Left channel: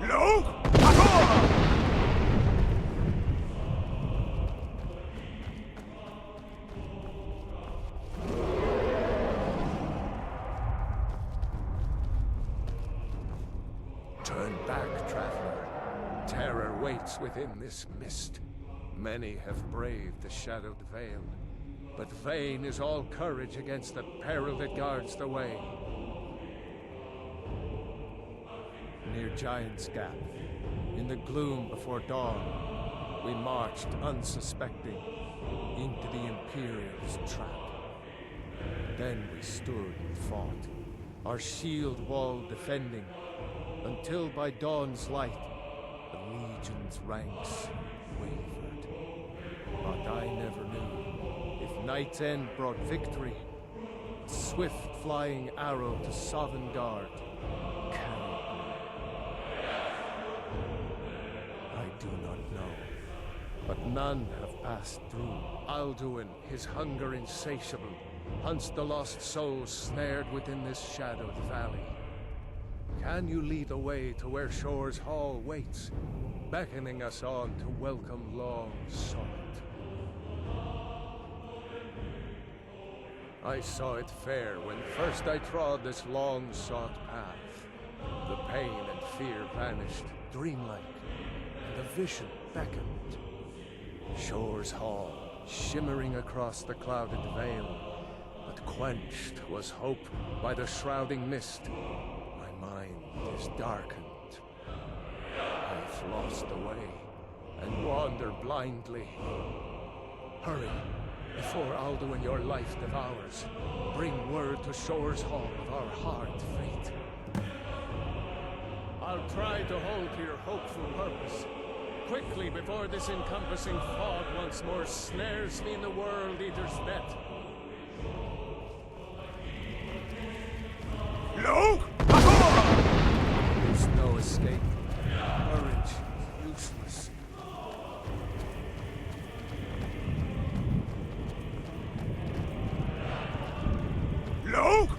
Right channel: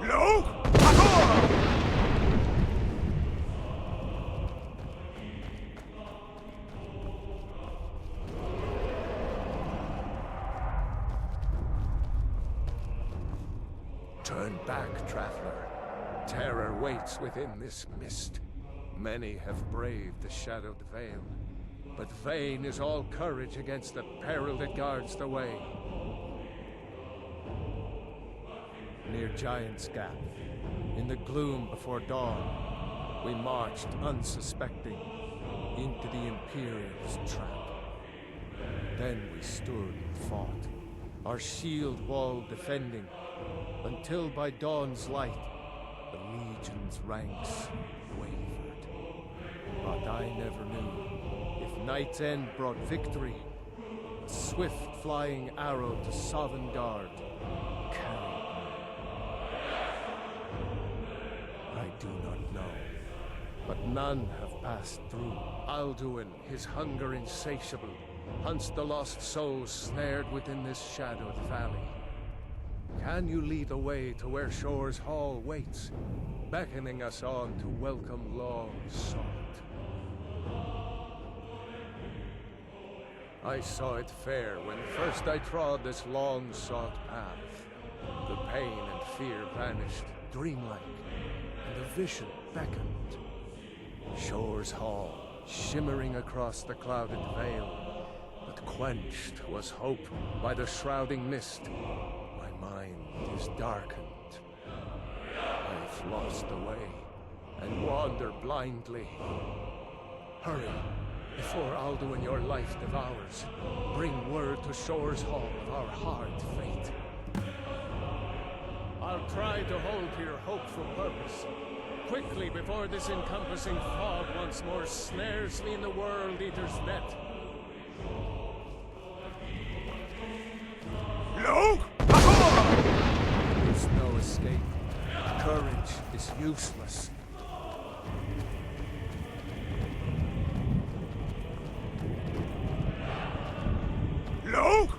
Look! Parkour! Turn back, traveler. Terror waits within this mist. Many have braved the shadowed veil, but vain is all courage against the peril that guards the way. Near Giant's Gap, in the gloom before dawn, we marched unsuspecting into the Imperial's trap. Then we stood and fought, our shield wall defending, until by dawn's light, the Legion's ranks wavered. But I never knew if Night's End brought victory, a swift flying arrow to Sovengard carried me. I do not know, but none have passed through. Alduin, his hunger insatiable, hunts the lost souls snared within this shadowed valley. Can you lead the way to where Shore's Hall waits, beckoning us on to welcome long sought? I saw it fair when first I trod this long sought path. The pain and fear vanished, dreamlike, and a vision beckoned. Shore's Hall, shimmering across the clouded veil, but quenched was hope by the shrouding mist. My mind is darkened. I've lost the way, and wander blindly. Hurry, before Alduin your life devours. Bring word to Shore's Hall of our hard fate. I'll try to hold to your hopeful purpose. Quickly, before this encompassing fog once more snares me in the World Eater's net. Look! There is no escape. Courage is useless. Look!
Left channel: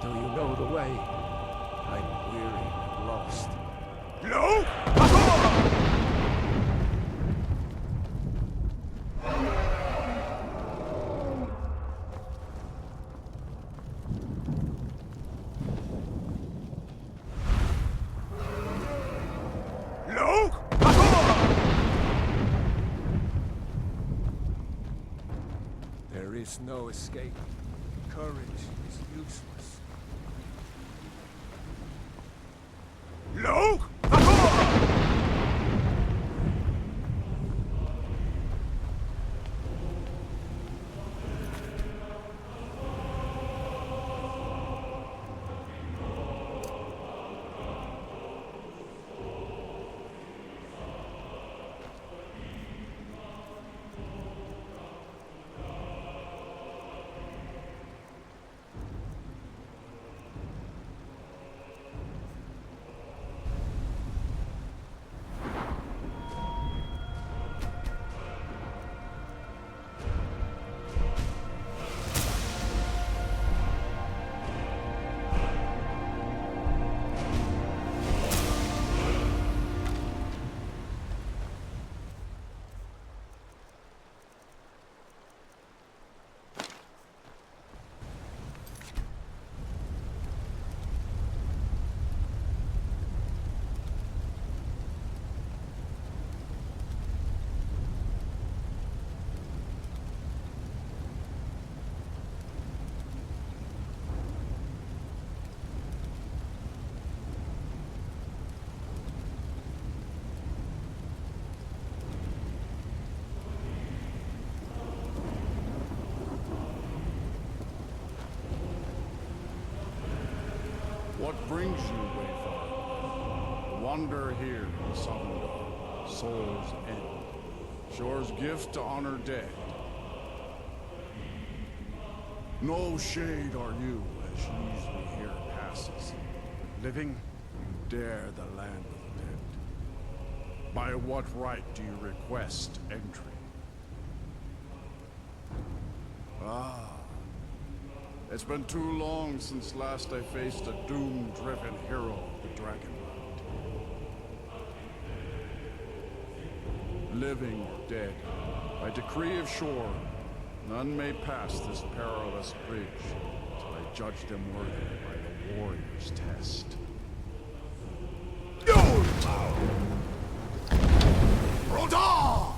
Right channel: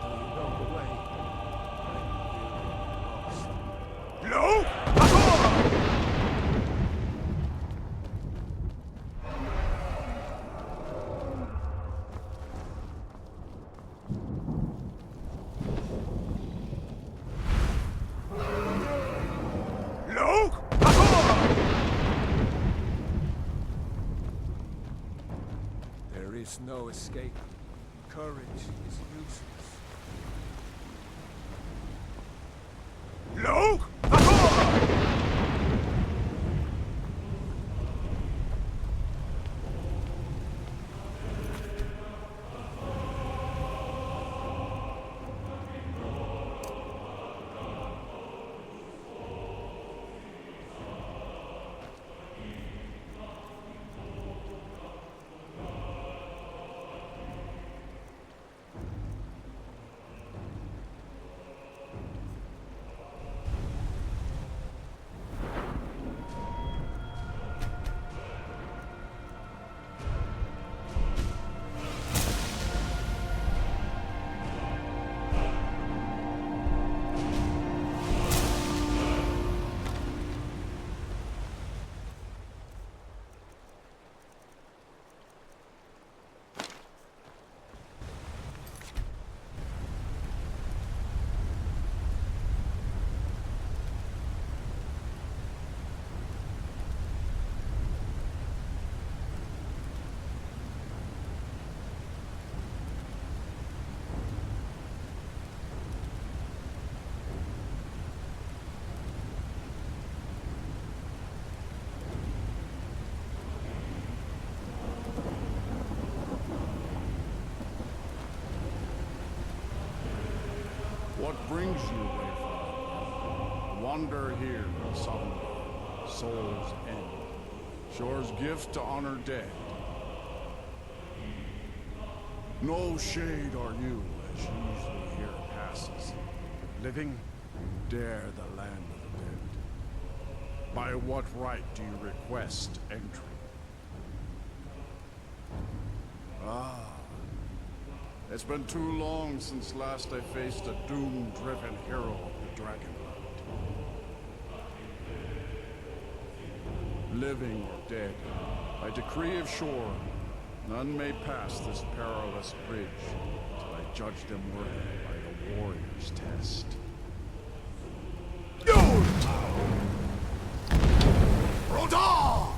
Do you know the way? I'm weary and lost. Look! Look! There is no escape. Courage is useless. Look! What brings you, Wayfarer? The wanderer here in Sovengard, Soul's End. Shore's gift to honor dead. No shade are you, as usually here passes. But living, dare the land of the dead? By what right do you request entry? Ah. It's been too long since last I faced a doom-driven hero of the Dragonlight. Living or dead, by decree of Shore, none may pass this perilous bridge till I judge them worthy by the warrior's test. Rodar!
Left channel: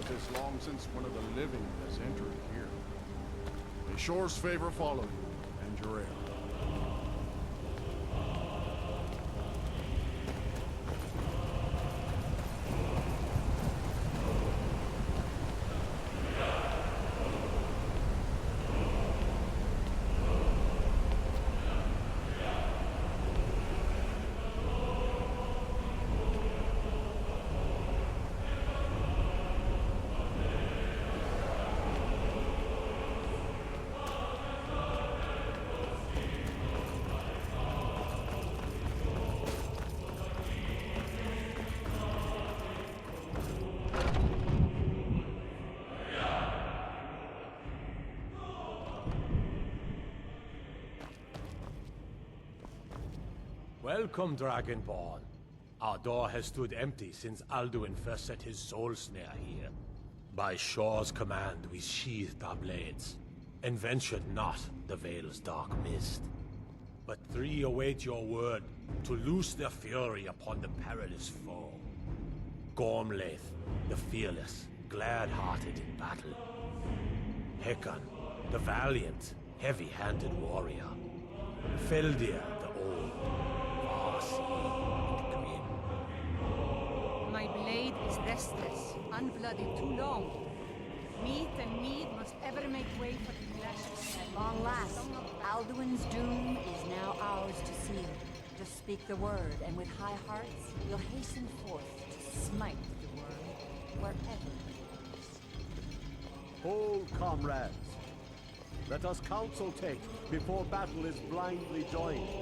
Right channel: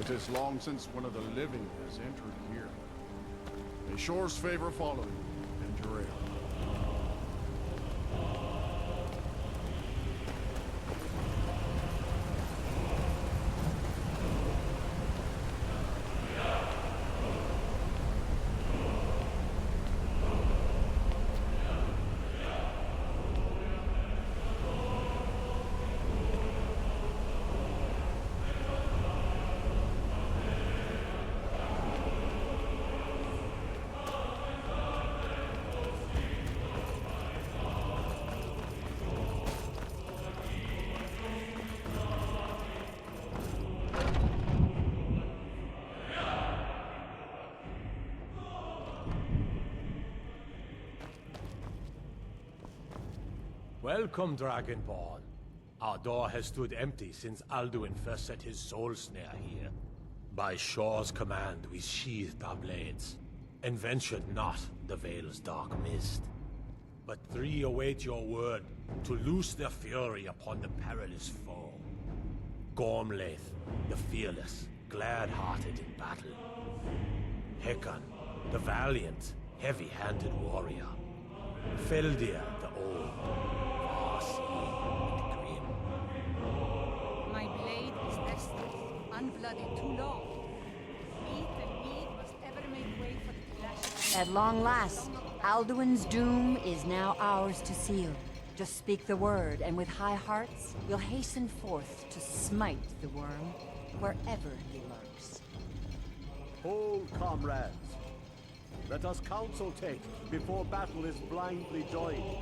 It is long since one of the living has entered here. May Shore's favor follow you and your heir. Welcome, Dragonborn. Our door has stood empty since Alduin first set his soul snare here. By Shore's command, we sheathed our blades, and ventured not the Vale's dark mist. But three await your word to loose their fury upon the perilous foe. Gormlaith, the fearless, glad-hearted in battle. Hekon, the valiant, heavy-handed warrior. Feldir, the old, far-seeing and grim. My blade is restless, unblooded too long. Meat and mead must ever make way for the clash. At long last, Alduin's doom is now ours to seal. Just speak the word, and with high hearts, we'll hasten forth to smite the worm wherever he lurks. Hold, comrades. Let us counsel take before battle is blindly joined.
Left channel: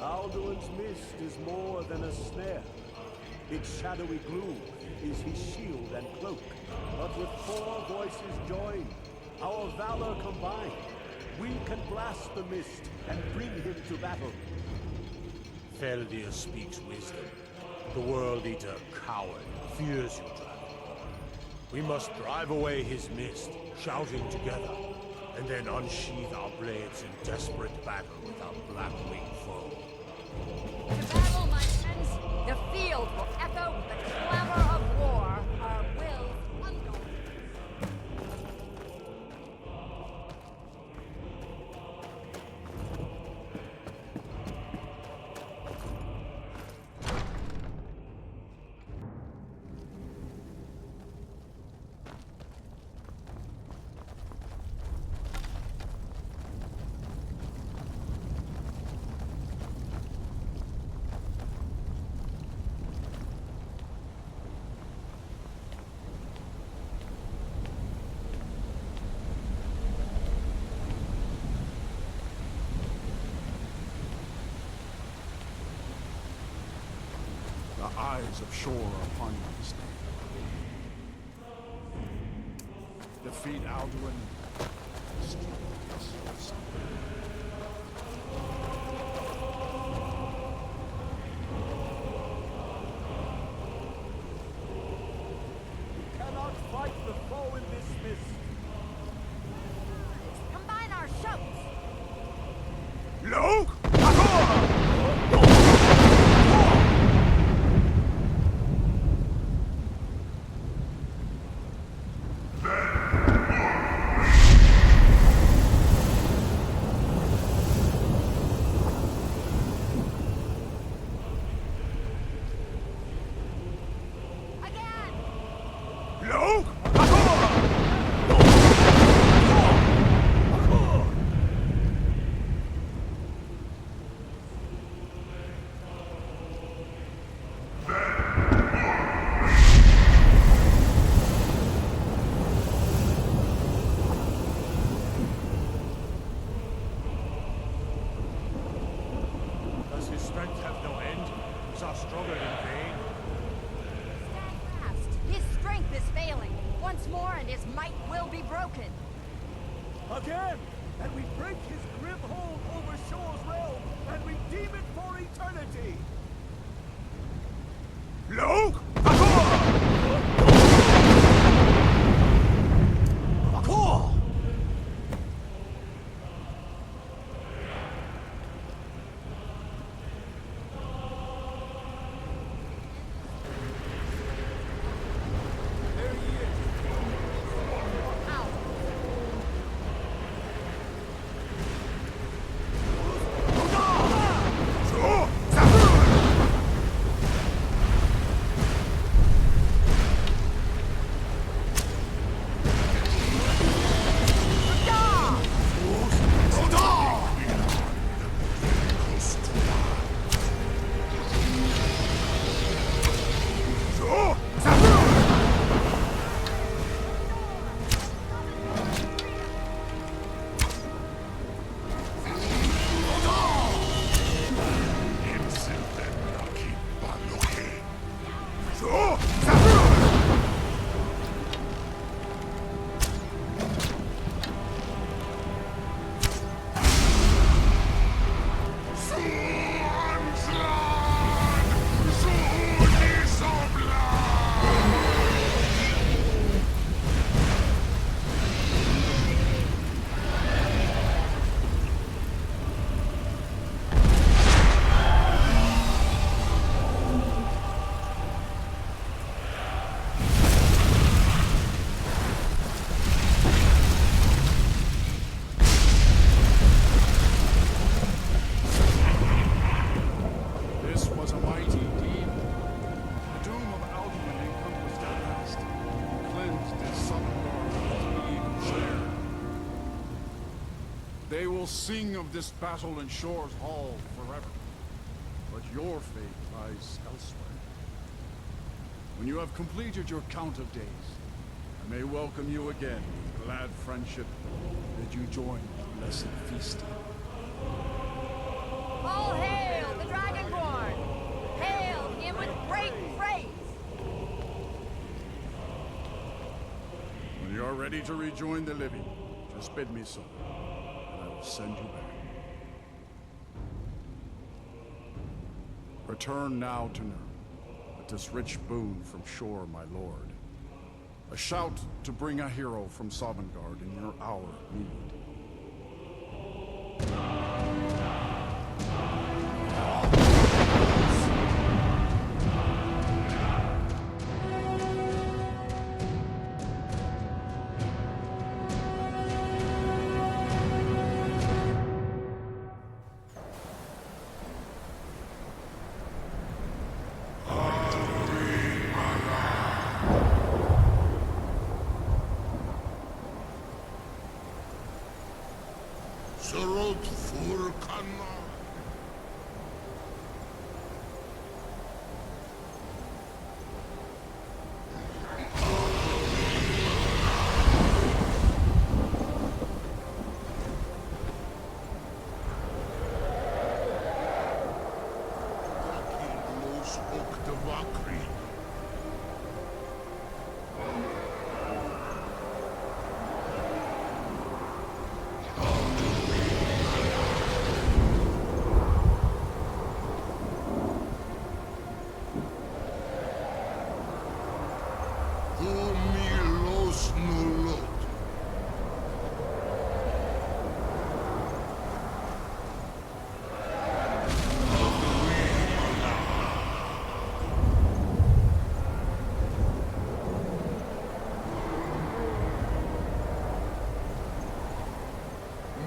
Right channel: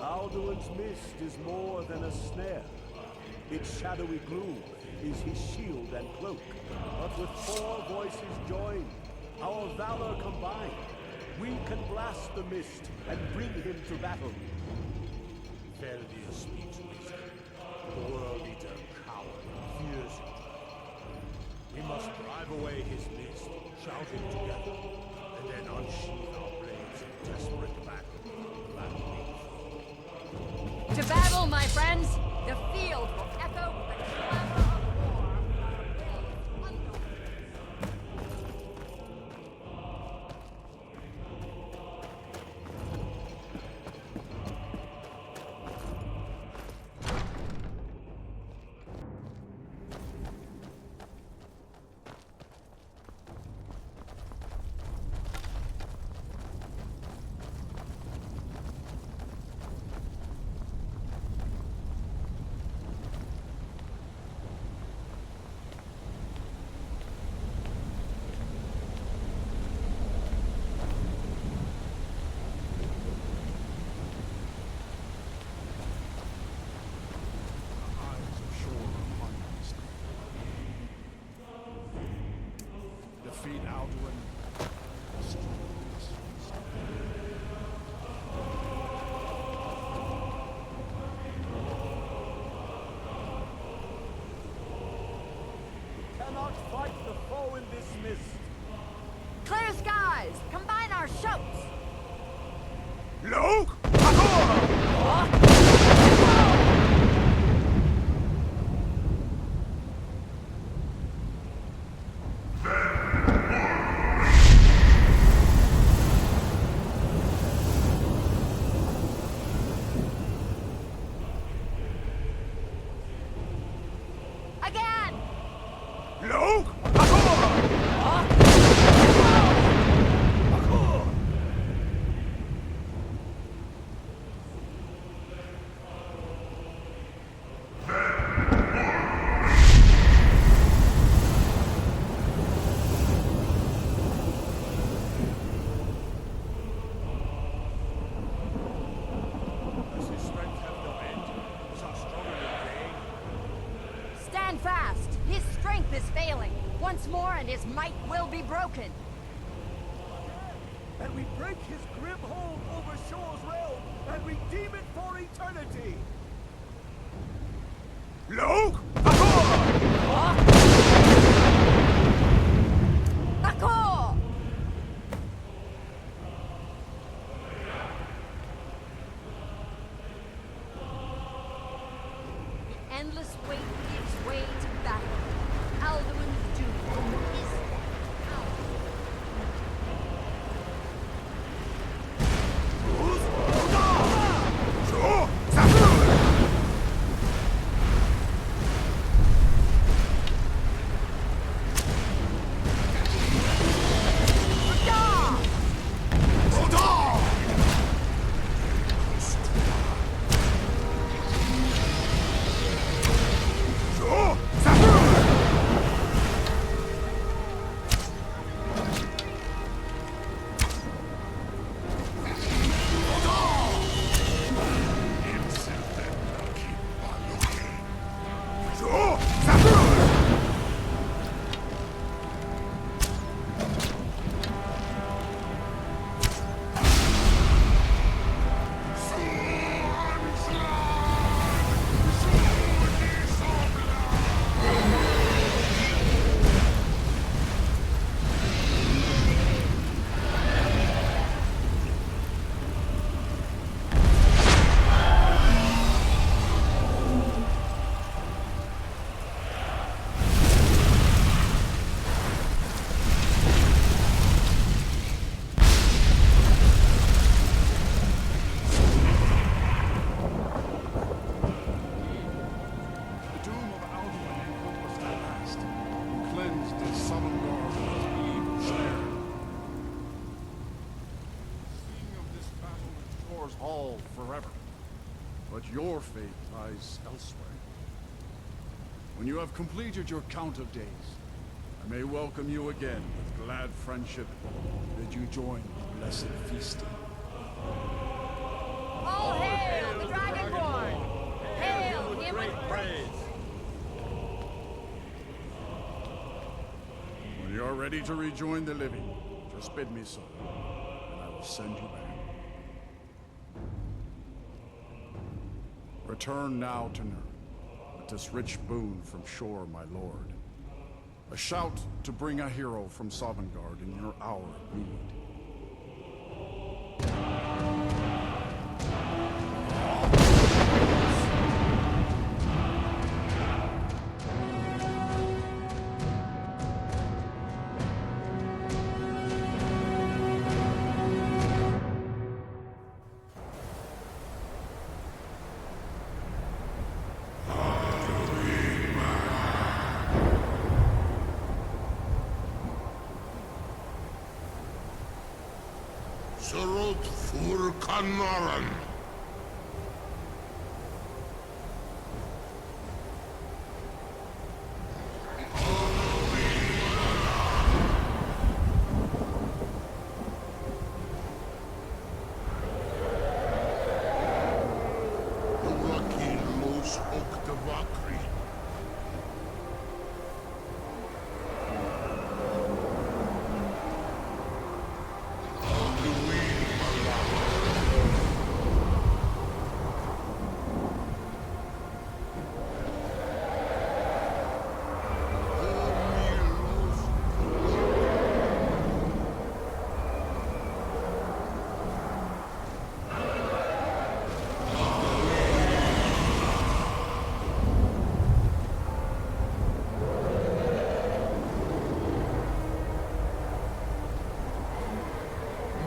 Alduin's mist is more than a snare. Its shadowy gloom is his shield and cloak. But with 4 voices joined, our valor combined, we can blast the mist and bring him to battle. Feldir speaks wisdom. The World Eater, coward, fears you, Dragon. We must drive away his mist, shouting together, and then unsheath our blades in desperate battle with our black-winged foe. To battle, my friends! The field will echo with the clamor of war. Our will undaunted. The eyes of Shore are upon you this day. Defeat Alduin. Destroy this mist. We cannot fight the foe in this mist. Clear skies! Combine our shouts! Look! Look! Akor! Does his strength have no end? Is our struggle in vain? Stand fast! His strength is failing. Once more and his might will be broken. Again! And we break his grim hold over Shor's realm and redeem it for eternity! Look! Akor! Endless weight gives way to battle. Alduin's doom is power. So, Zafur! So, Zafur! So, Zafur! This was a mighty deed. The doom of Alduin encompassed at last, and cleansed his Sovengard of its evil snare. They will sing of this battle in Shor's Hall forever. But your fate lies elsewhere. When you have completed your count of days, I may welcome you again with glad friendship, bid you join the blessed feasting. All hail the Dragonborn! Hail him with great praise! When you are ready to rejoin the living, just bid me so, and I will send you back. Return now to Nurn, with this rich boon from Shor, my lord. A shout to bring a hero from Sovengard in your hour of need. Surut fur Kanaran. Urakil los Oktavakri.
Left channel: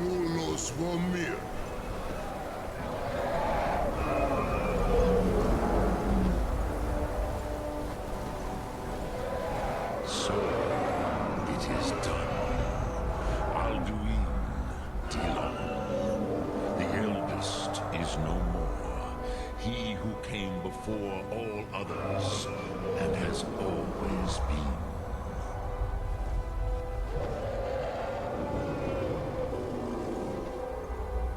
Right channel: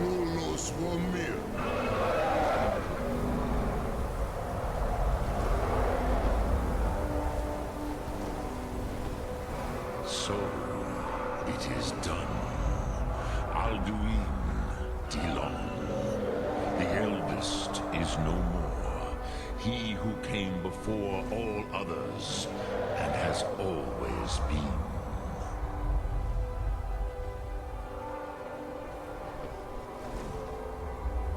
Mulos Vomir. So, it is done. Alduin Dilon, the eldest, is no more. He who came before all others, and has always been.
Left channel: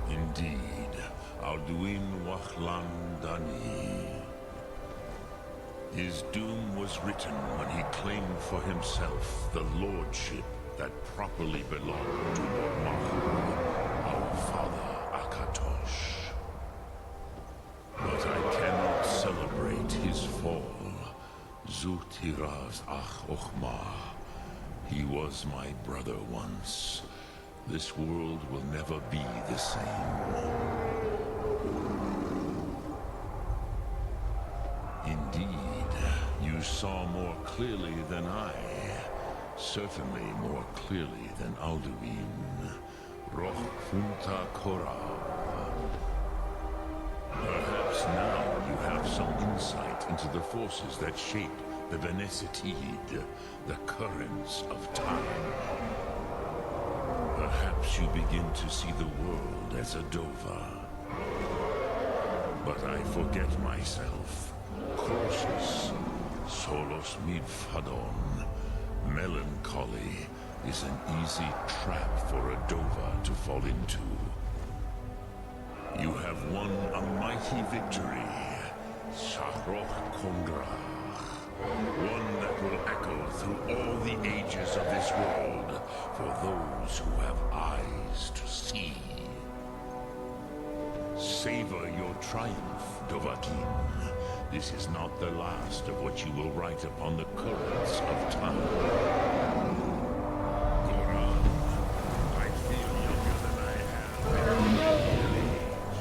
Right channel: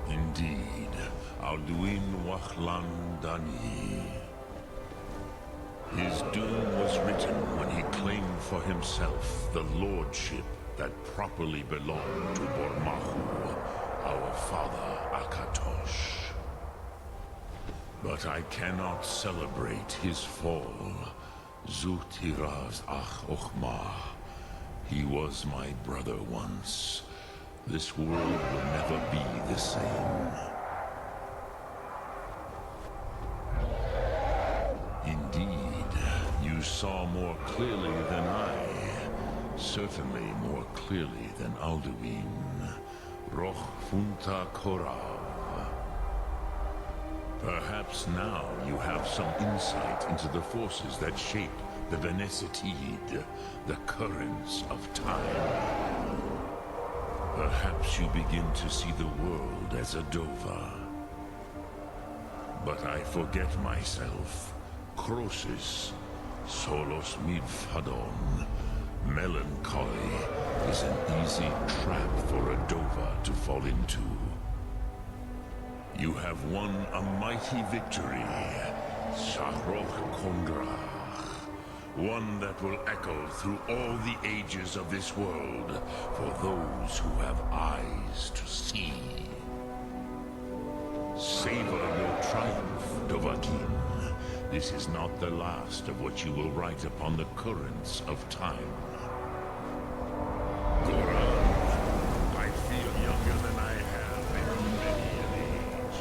Indeed, Alduin Wachlan Dani. His doom was written when he claimed for himself the lordship that properly belonged to Bormahu, our father Akatosh. But I cannot celebrate his fall. Zutiraz Ach Ochmah. He was my brother once. This world will never be the same. Indeed, you saw more clearly than I. Certainly more clearly than Alduin. Roch Funta Korav. Perhaps now you have some insight into the forces that shape the Benesitid, the currents of time. Perhaps you begin to see the world as a Dova. But I forget myself. Croesus, solos midfadon. Melancholy is an easy trap for a Dova to fall into. You have won a mighty victory, Shahroch Kondrach. One that will echo through all the ages of this world for those who have eyes to see. Savor your triumph, Dovahkiin. This is not the last of what you will write upon the currents of time. Goran, I feel younger than I have in real age.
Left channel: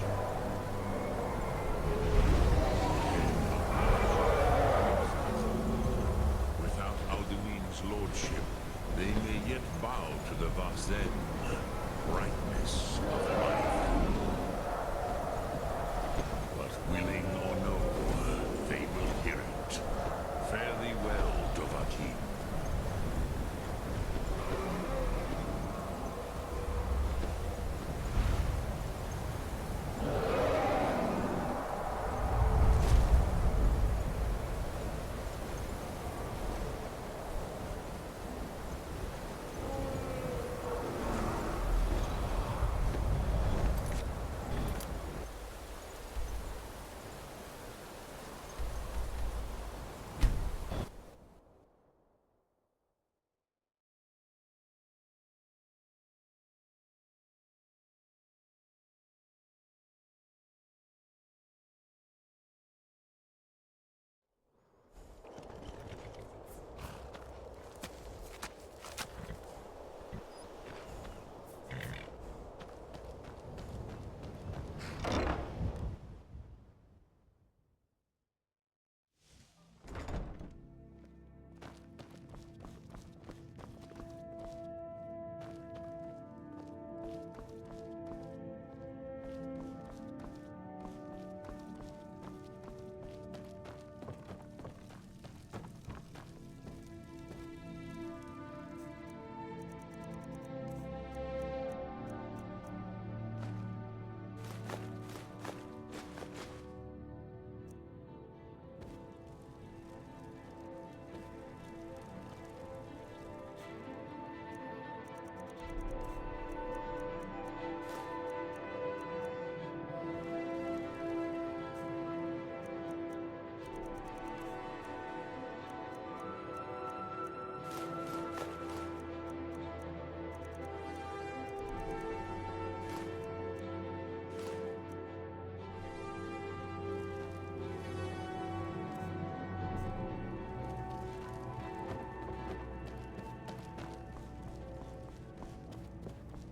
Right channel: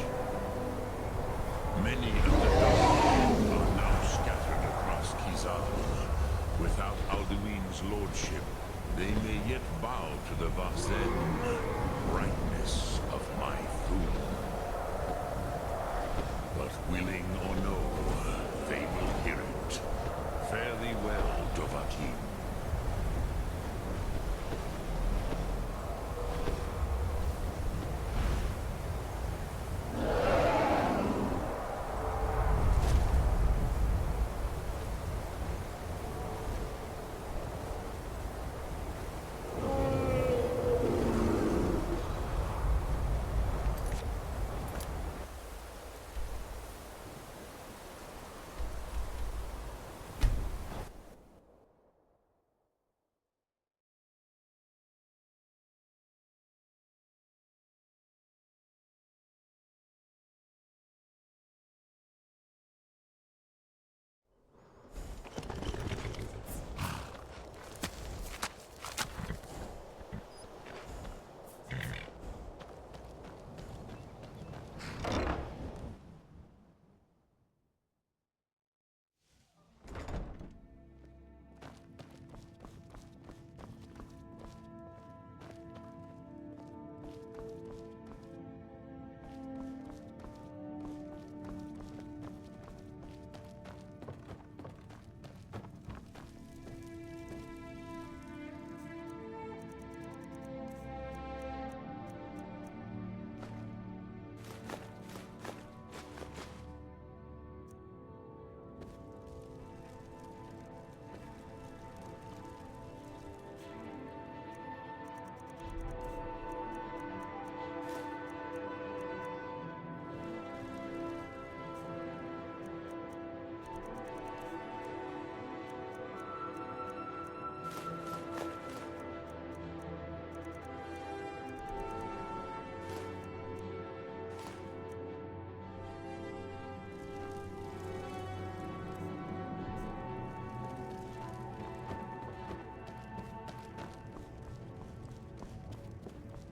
Many of the Dovahkiin are now scattered across Kizan. Without Alduin's lordship, they may yet bow to the Vazen, brightness of my food. But willing or no, they will hear it. Fare thee well, Dovahkiin.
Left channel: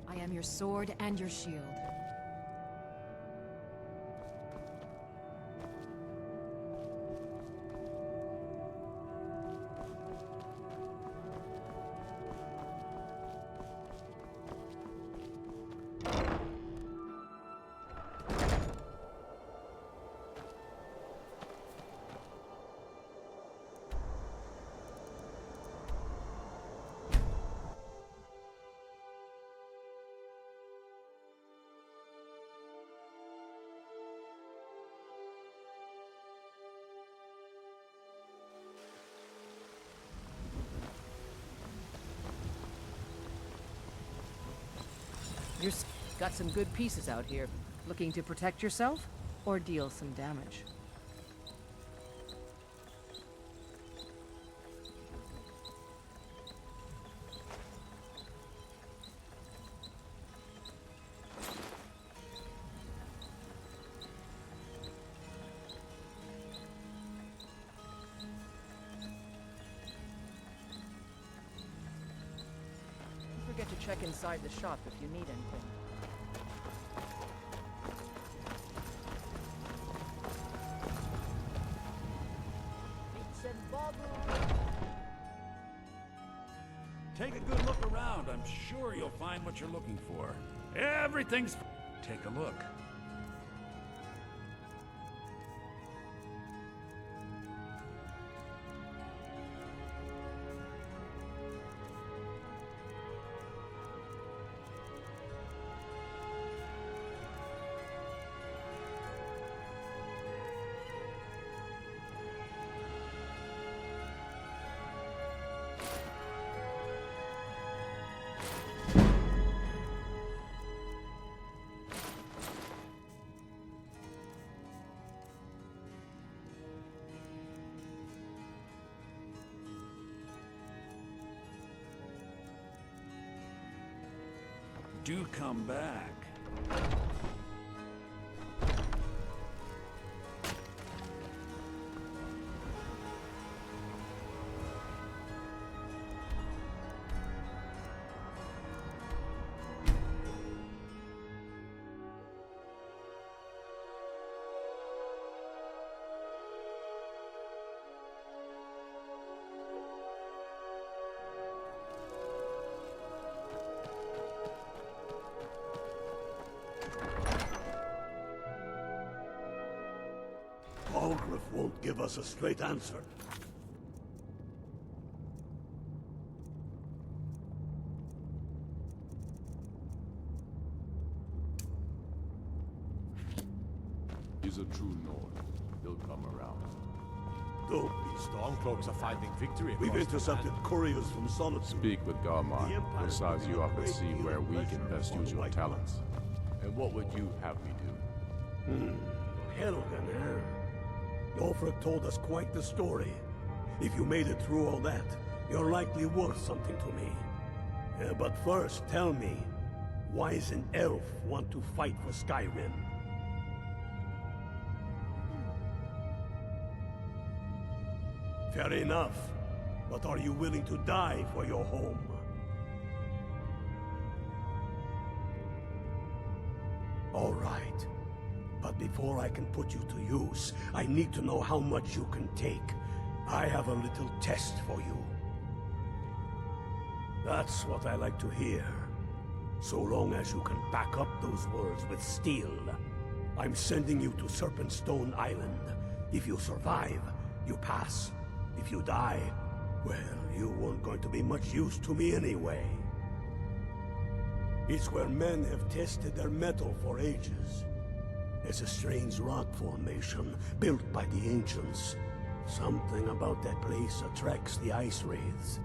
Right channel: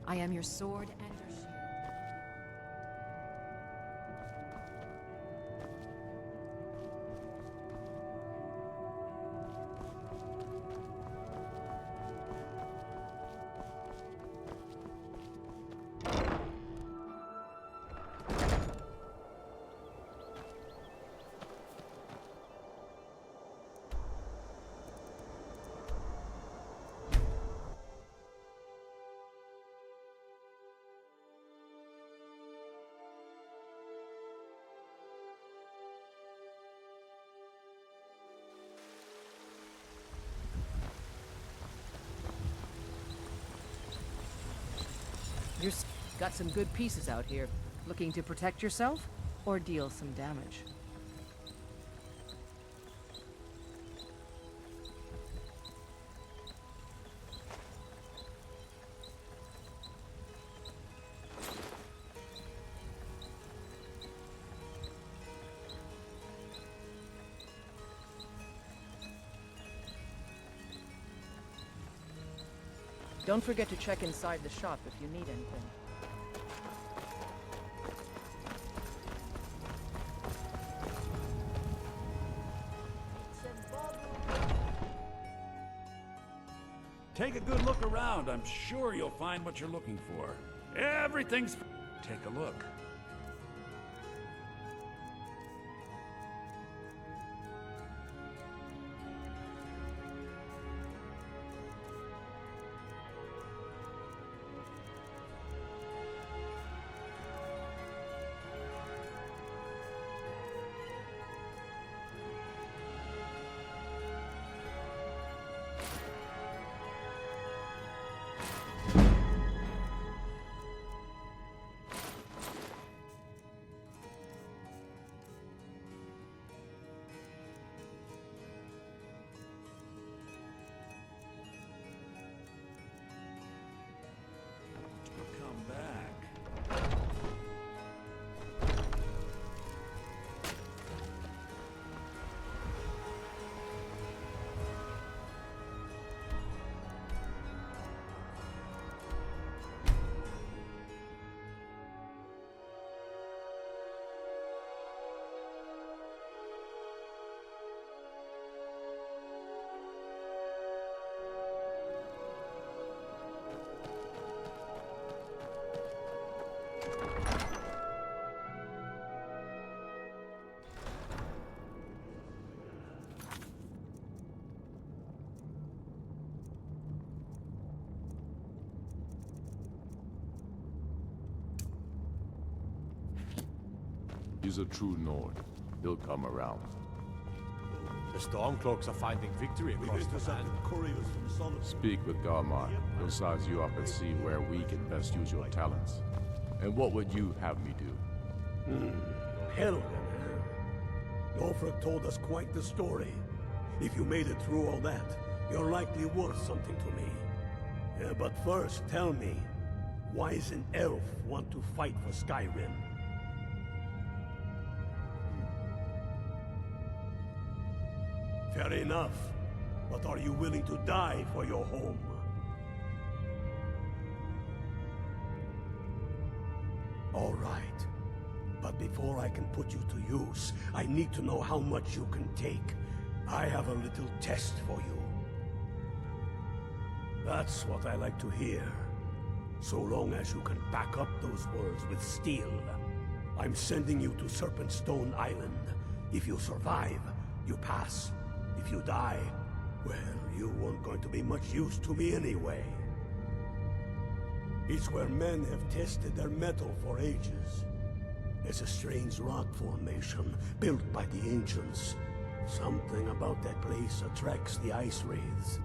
I am your sword and your shield. You've got some good pieces out here. Looking to protect yourself or deal some damage? Don't forget to check inside the shop if you need anything. Take a good look around. I'm sure you'll find what you're looking for. Everything's... Take a look. Do come back. Won't give us a straight answer. He's a true Nord. He'll come around. Go. The Stormcloaks are finding victory across We've intercepted couriers from Solitude. Speak with Garmar. He'll size you up and see where we can best use your talents. And what would you have me do? Helgen, eh? Ulfric told us quite the story. If you made it through all that, you're likely worth something to me. But first, tell me, why does an elf want to fight for Skyrim? Fair enough. But are you willing to die for your home? All right. But before I can put you to use, I need to know how much you can take. I have a little test for you. That's what I like to hear. So long as you can back up those words with steel. I'm sending you to Serpentstone Island. If you survive, you pass. If you die, well, you weren't going to be much use to me anyway. It's where men have tested their metal for ages. It's a strange rock formation, built by the ancients. Something about that place attracts the ice wraiths.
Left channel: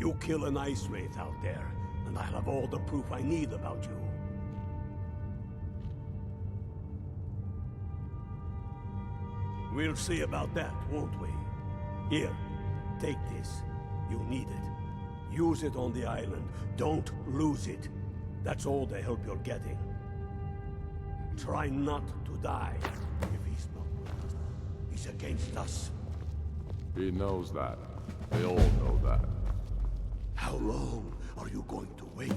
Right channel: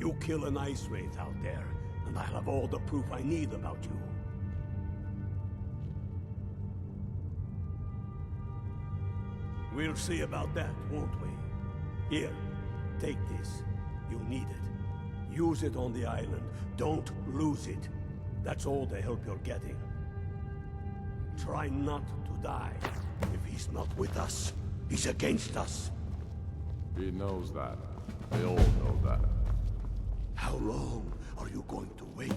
You kill an ice wraith out there, and I'll have all the proof I need about you. We'll see about that, won't we? Here, take this. You'll need it. Use it on the island. Don't lose it. That's all the help you're getting. Try not to die. If he's not with us, he's against us. He knows that. They all know that. How long are you going to wait?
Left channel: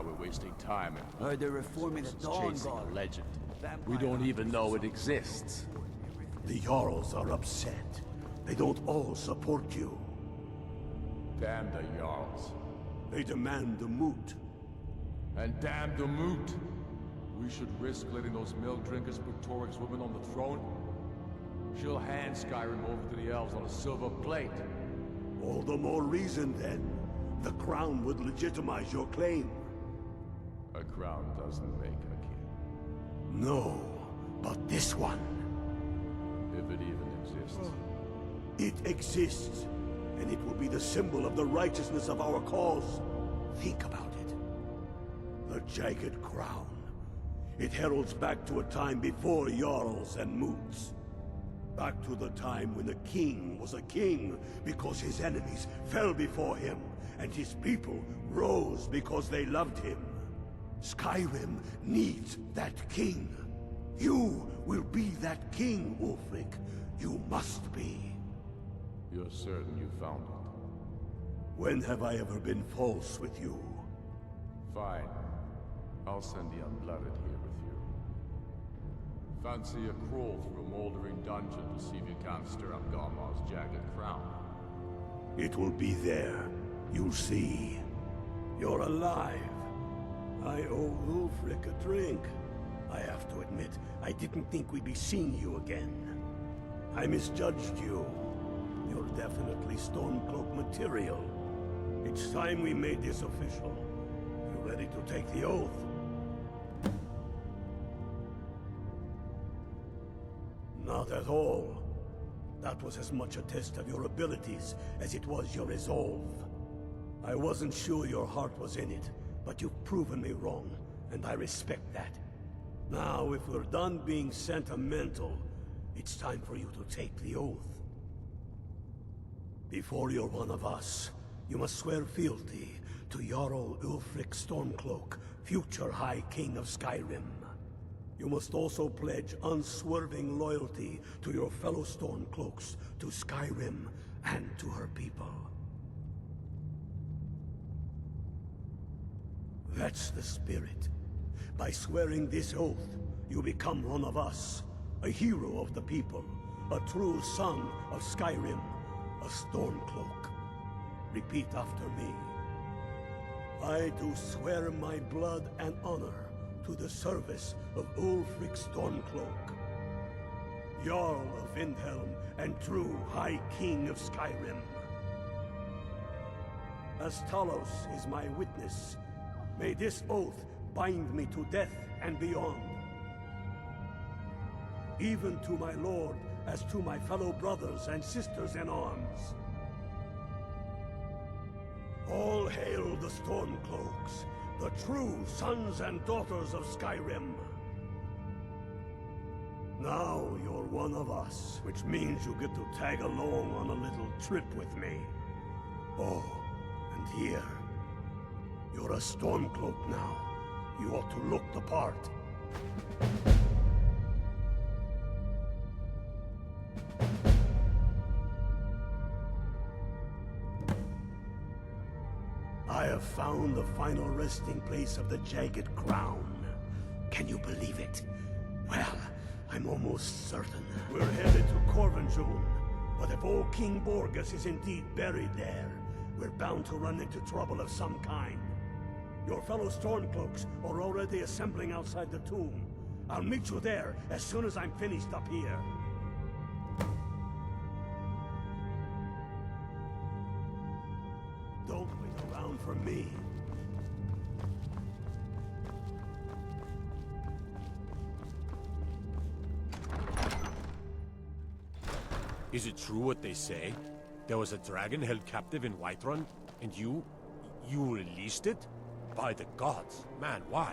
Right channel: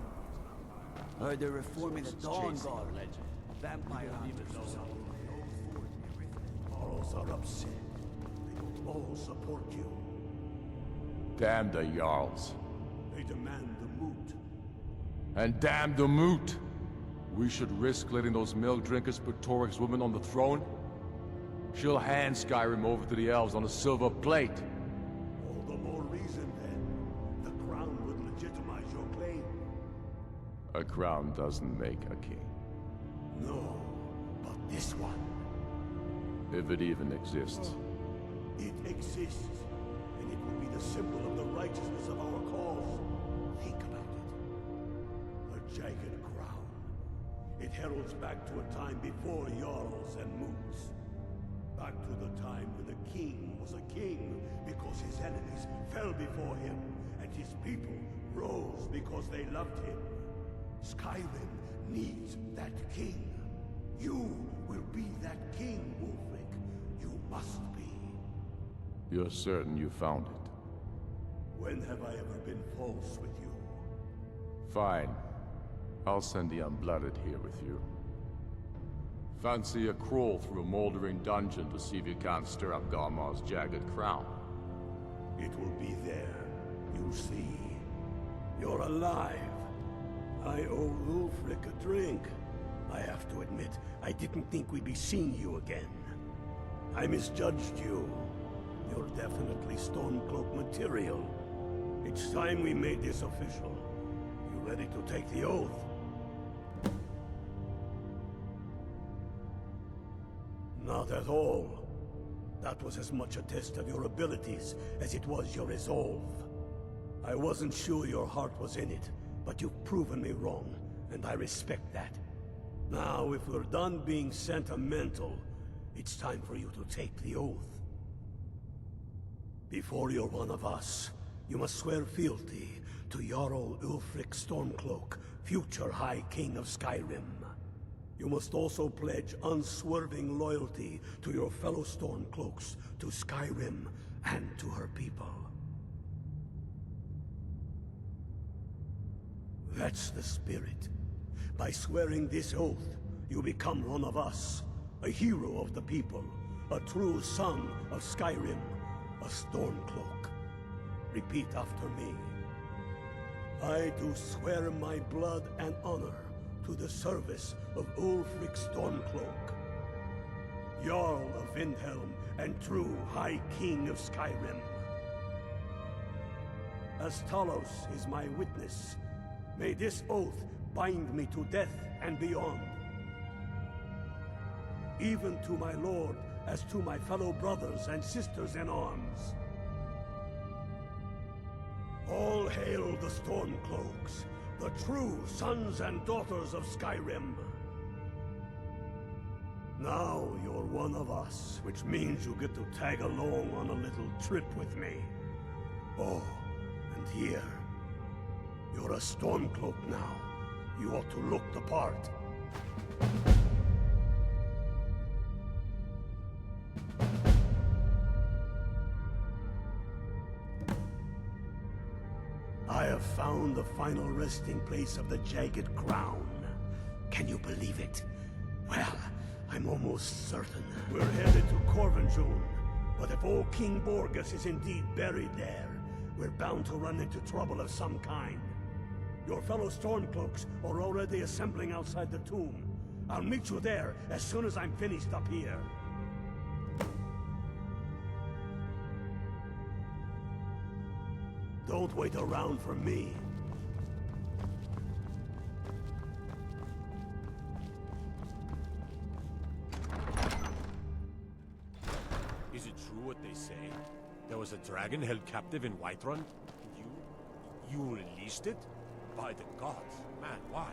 while we're wasting time. Heard they're reforming the Dawn Guard. Legend. We don't even know it exists. The Jarls are upset. They don't all support you. Damn the Jarls. They demand the moot. And damn the moot! We should risk letting those milk drinkers put Torik's woman on the throne? She'll hand Skyrim over to the elves on a silver plate. All the more reason, then. The crown would legitimize your claim. A crown doesn't make a king. No, but this one. If it even exists. It exists, and it will be the symbol of the righteousness of our cause. Think about it. A jagged crown. It heralds back to a time before Jarls and Moots. Back to the time when the king was a king because his enemies fell before him, and his people rose because they loved him. Skyrim needs that king. You will be that king, Ulfric. You must be. You're certain you found it? When have I ever been false with you? Fine. I'll send the Unblooded here with you. Fancy a crawl through a moldering dungeon to see if you can't stir up Garmar's jagged crown? It will be there. You'll see. You're alive. I owe Ulfric a drink. I have to admit, I didn't think we'd be seeing you again. I misjudged you. You're definitely Stormcloak material. It's time we made this official. You ready to take the oath? Not at all. That was as much a test of your abilities as it was your resolve. I wasn't sure your heart was in it, but you've proven me wrong, and I respect that. Now, if we're done being sentimental, it's time for you to take the oath. Before you're one of us, you must swear fealty to Jarl Ulfric Stormcloak, future High King of Skyrim. You must also pledge unswerving loyalty to your fellow Stormcloaks, to Skyrim, and to her people. That's the spirit. By swearing this oath, you become one of us, a hero of the people, a true son of Skyrim, a Stormcloak. Repeat after me. I do swear my blood and honor to the service of Ulfric Stormcloak, Jarl of Windhelm and true High King of Skyrim. As Talos is my witness, may this oath bind me to death and beyond. Even to my lord, as to my fellow brothers and sisters in arms. All hail the Stormcloaks, the true sons and daughters of Skyrim. Now you're one of us, which means you get to tag along on a little trip with me. Oh, and here. You're a Stormcloak now. You ought to look the part. I have found the final resting place of the Jagged Crown. Can you believe it? Well, I'm almost certain. We're headed to Corvinjune, but if old King Borgus is indeed buried there, we're bound to run into trouble of some kind. Your fellow Stormcloaks are already assembling outside the tomb. I'll meet you there as soon as I'm finished up here. Don't wait around for me. Is it true what they say? There was a dragon held captive in Whiterun, and you released it? By the gods, man, why?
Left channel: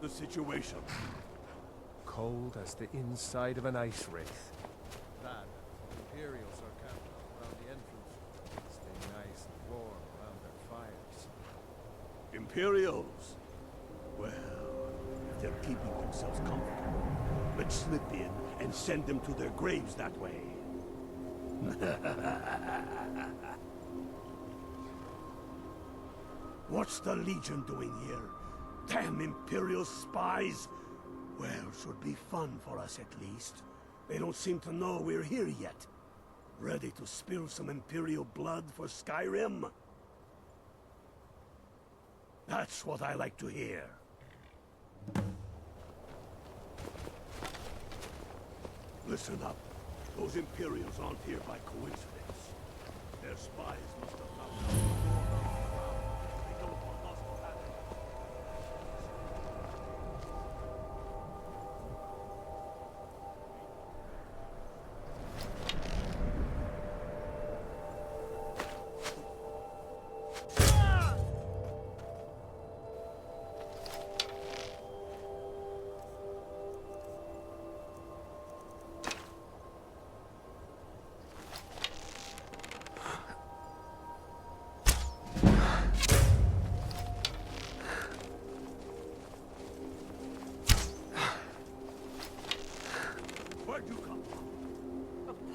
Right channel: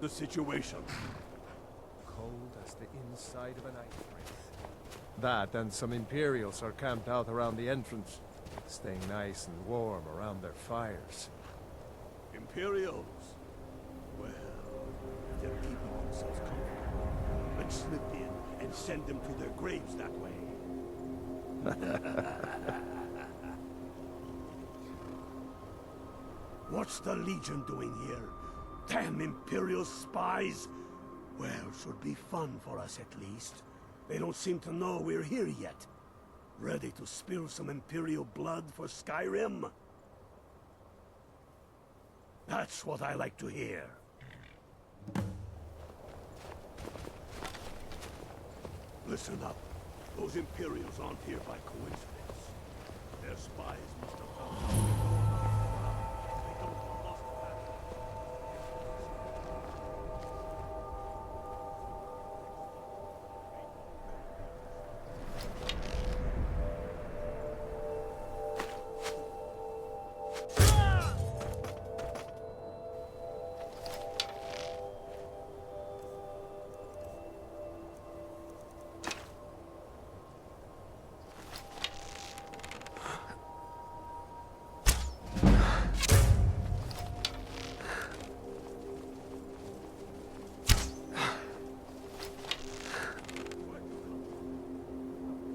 the situation? Cold as the inside of an ice wraith. That and some Imperials are camped out around the entrance, staying nice and warm around their fires. Imperials? Well, if they're keeping themselves comfortable, let's slip in and send them to their graves that way. What's the Legion doing here? Damn Imperial spies! Well, should be fun for us at least. They don't seem to know we're here yet. Ready to spill some Imperial blood for Skyrim? That's what I like to hear. Listen up. Those Imperials aren't here by coincidence. Their spies must have found out we know about the ground. They don't want us to have it.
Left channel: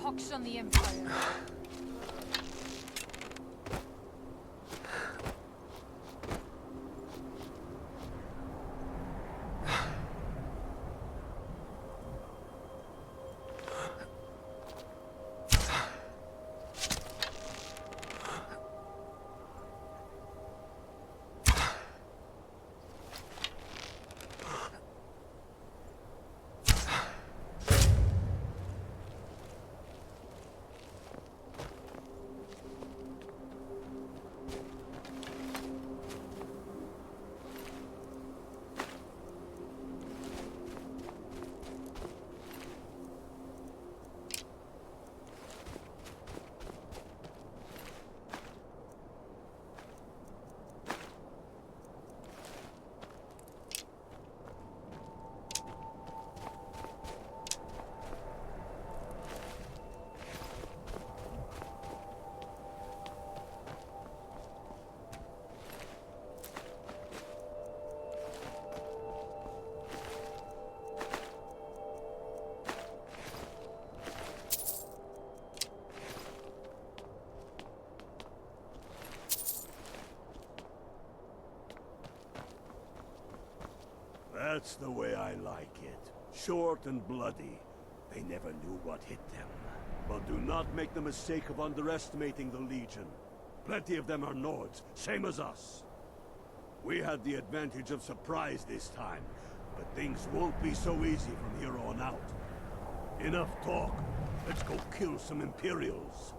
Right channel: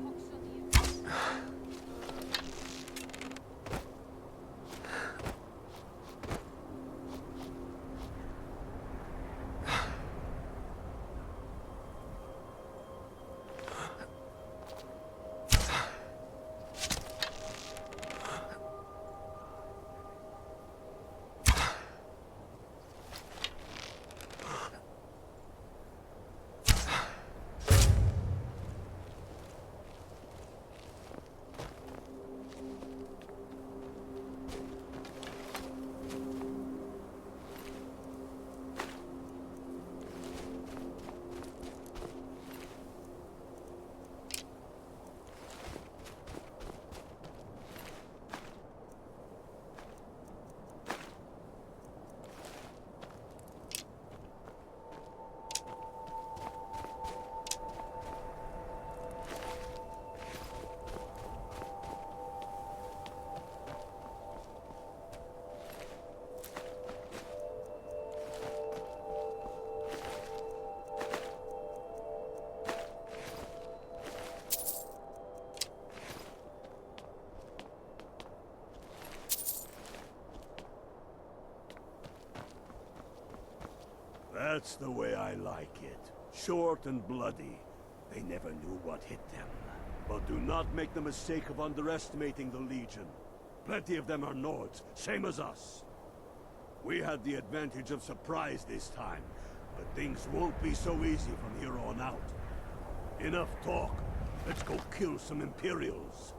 Pox on the Empire. That's the way I like it. Short and bloody. They never knew what hit them. But do not make the mistake of underestimating the Legion. Plenty of them are Nords, same as us. We had the advantage of surprise this time, but things won't be so easy from here on out. Enough talk. Let's go kill some Imperials.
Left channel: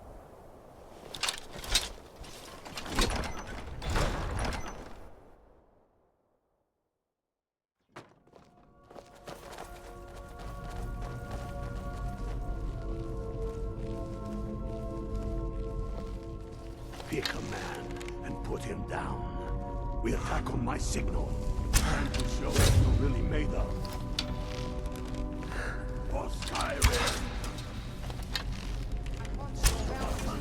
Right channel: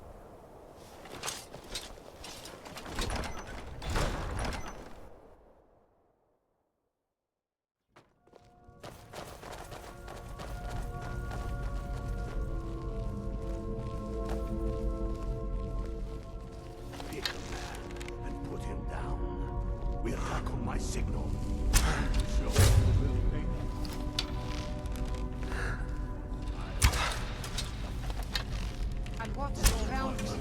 Pick a man and put him down. We attack on my signal. Time to show what you're really made of. For Skyrim! And watch the bounty.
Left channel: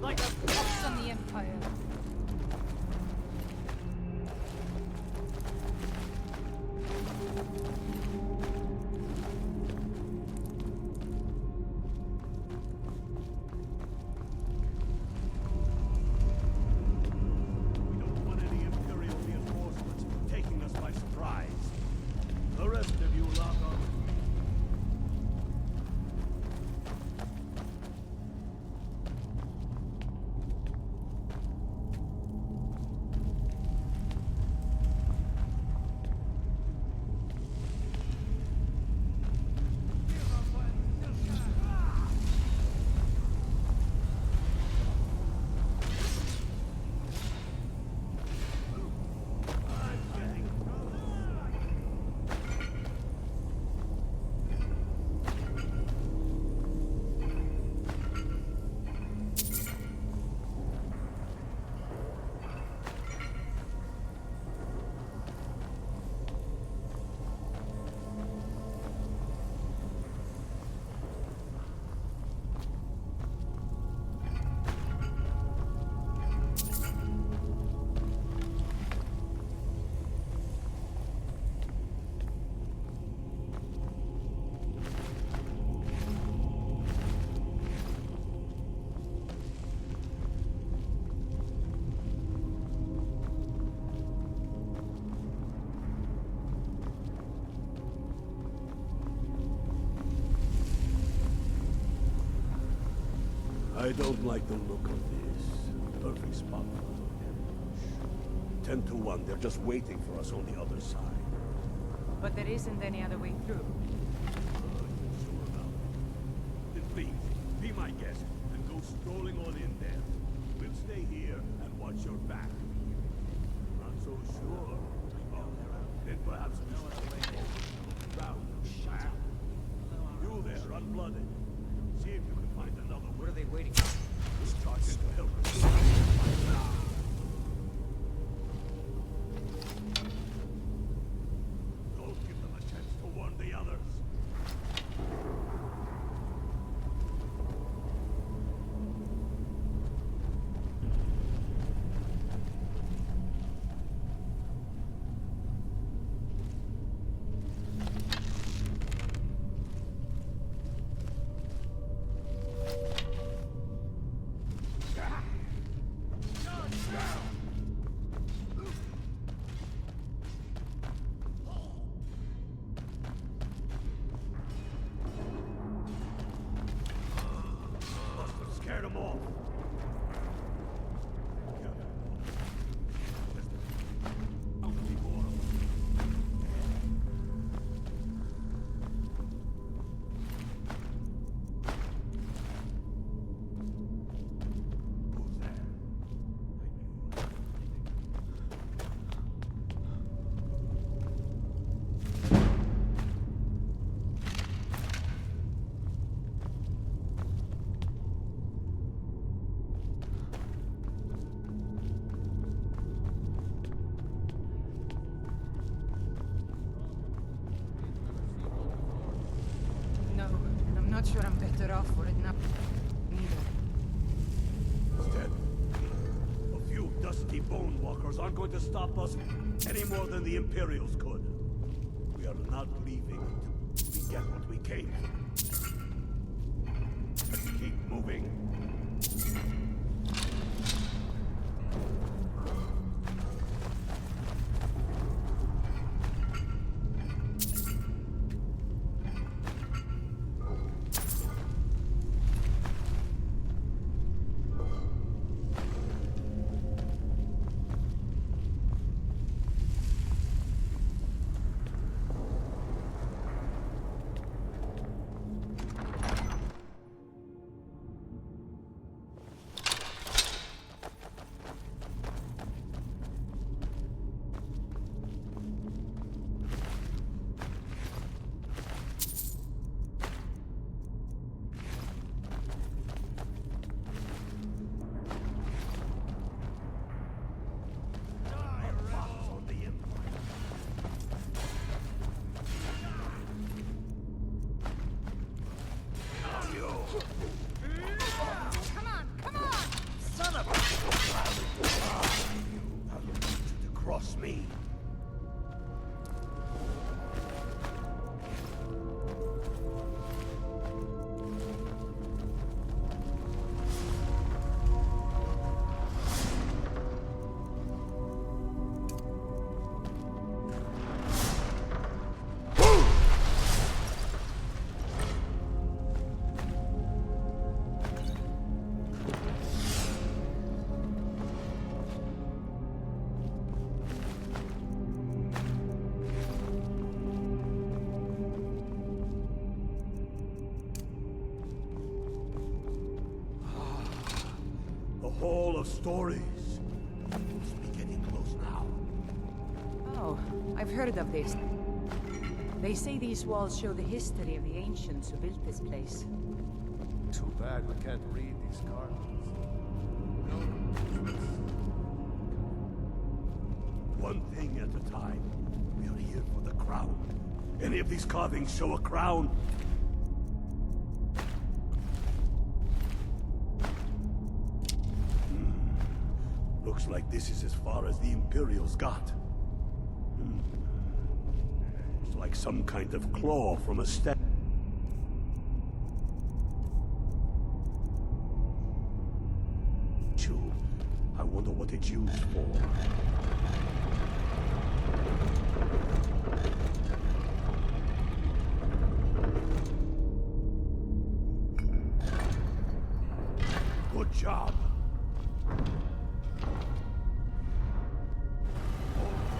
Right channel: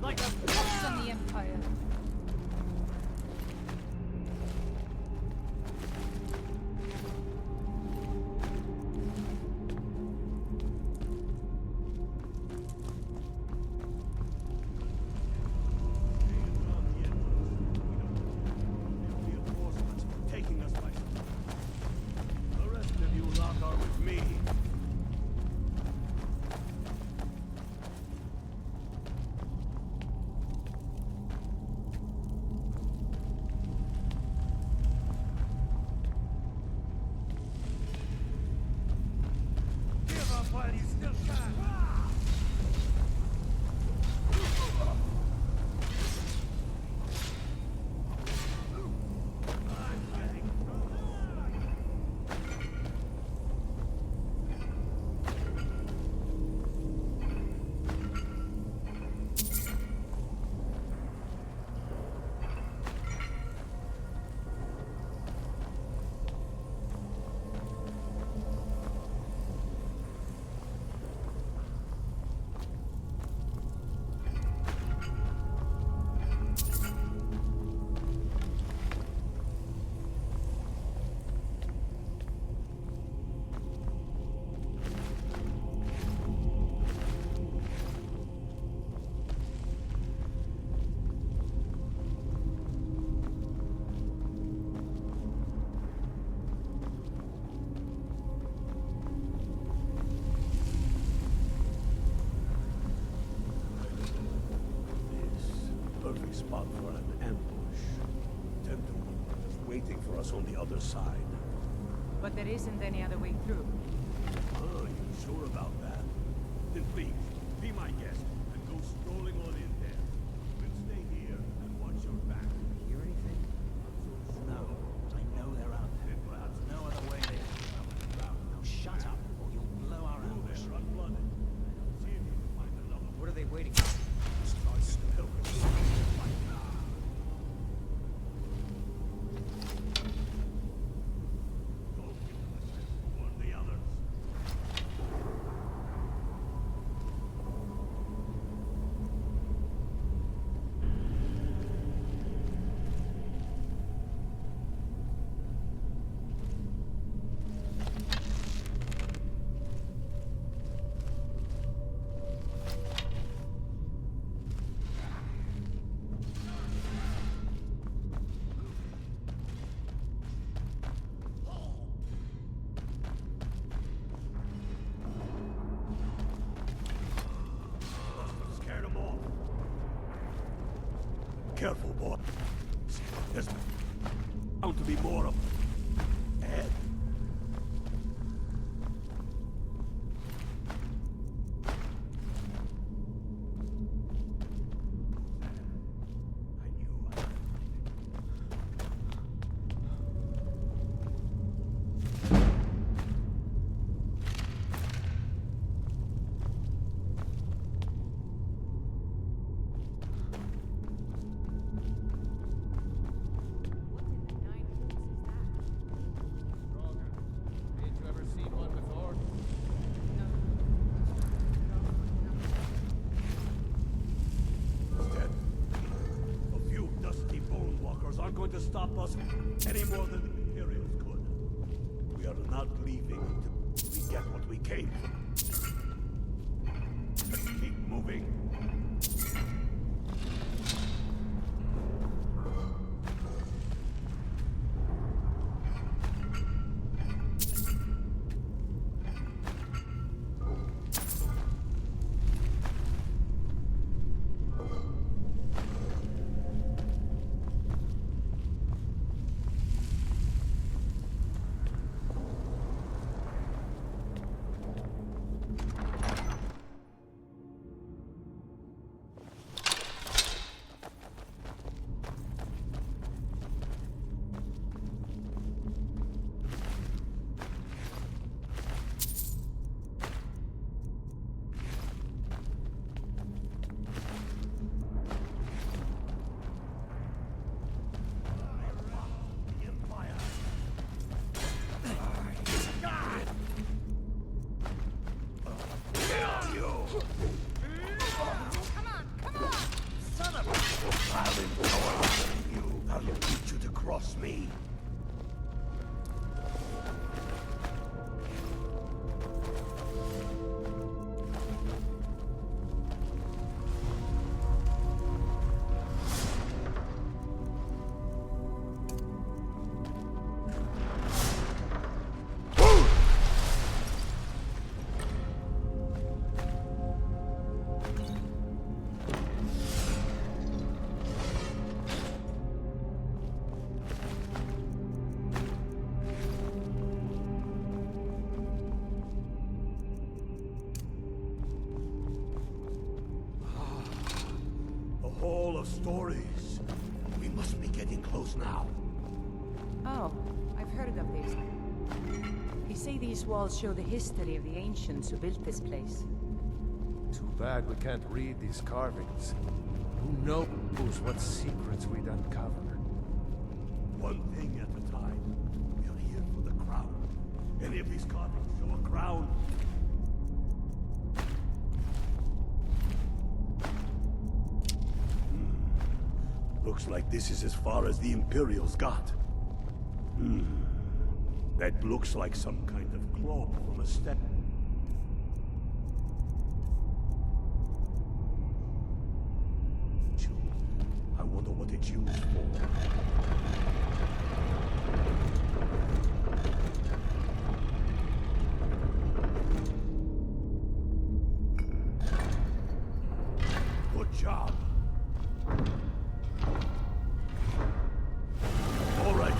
Like a Pox on the Empire. I don't like the look of this. Perfect spot for an ambush. 10 to 1, they're just waiting for us on the other side. But there isn't any other way through. Oh, you sure about that? Then please, be my guest and go strolling on in there. We'll stay here and watch your back. Hear anything? Not so sure. I know they're out there. Then perhaps No other way they round. No, shut up, or you'll blow our You ambush. there, unblooded. See if you can find another What are they waiting for? This charge to help us. Don't give them a chance to warn the others. Must have scared them off. Careful, boy. There's bound to be more of them. Ahead. Who's there? I knew Did you ever see one before? No, I'm not sure I'm better off for it now. Dead. A few dusty bone walkers aren't going to stop us any more than the Imperials could. We are not leaving until we get what we came for. Let's keep moving. Come on, come on! Son of a... I'll teach you to cross me. The Hall of Stories. We must be getting close now. Oh, I've heard of this. They say these walls show the history of the ancients who built this place. Too bad we can't read these carvings. Who knows what secrets we'd uncover? One thing at a time. We are here for the crown. Any of these carvings show a crown? Looks like this is as far as the Imperials got. That looks like some kind of claw from a step. I wonder what it's used for. job. All right,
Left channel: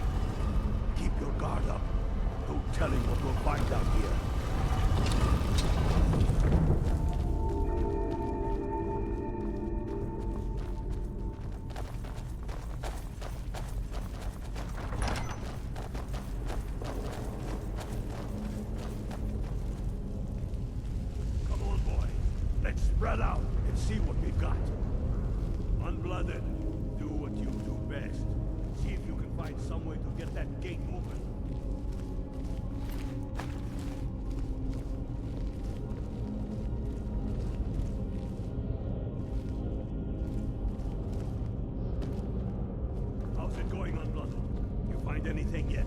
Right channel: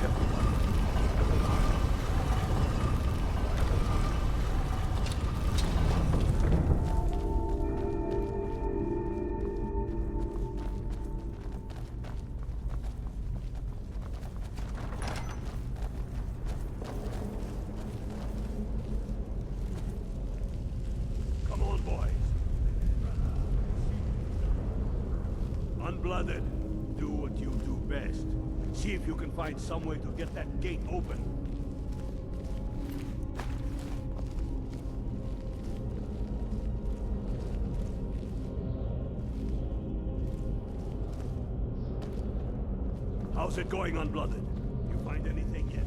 keep your guard up. Don't tell him what we'll find out here. Come on, boys. Let's spread out and see what we've got. Unblooded, do what you do best. See if you can find some way to get that gate open. How's it going, Unblooded? You find anything yet?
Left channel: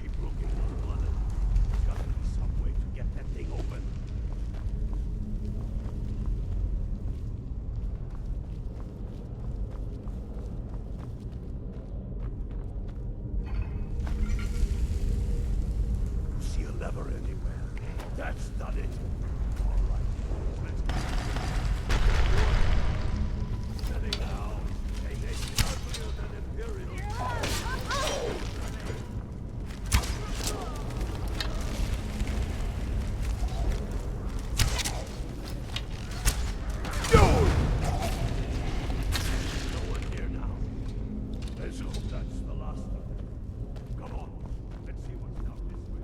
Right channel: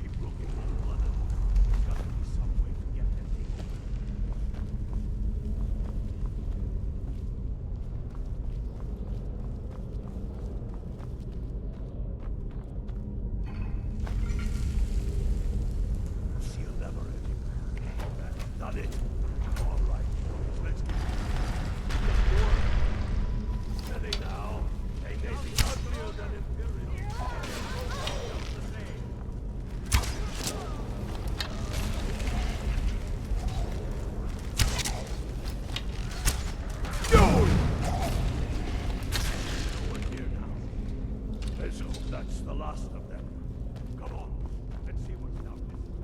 Keep looking, Unblooded. There's got to be some way to get that thing open. See a lever anywhere. That's done it. All right, boys, let's get to work. Steady now. They may be uglier than Imperials. No one here now. Let's hope that's the last of them. Come on, let's see what's down this way.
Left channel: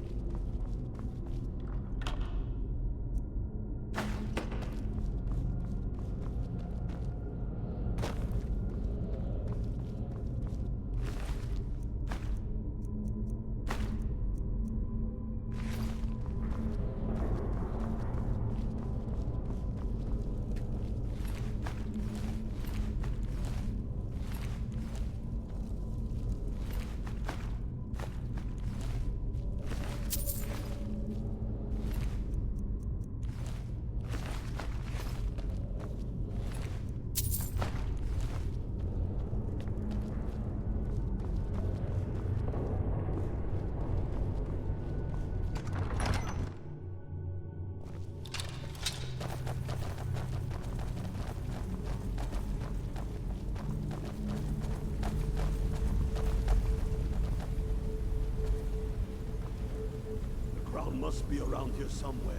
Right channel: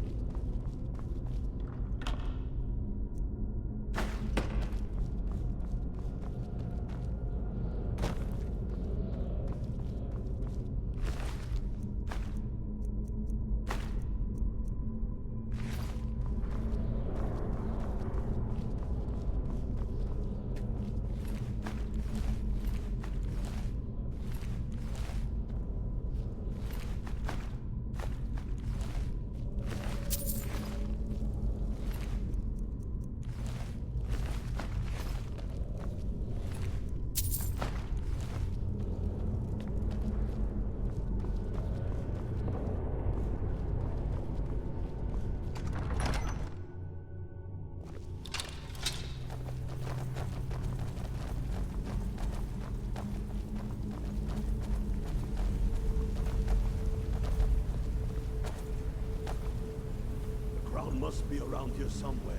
The crown must be around here somewhere.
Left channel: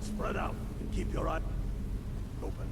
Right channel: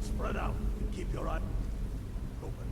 Spread out and keep your eye open.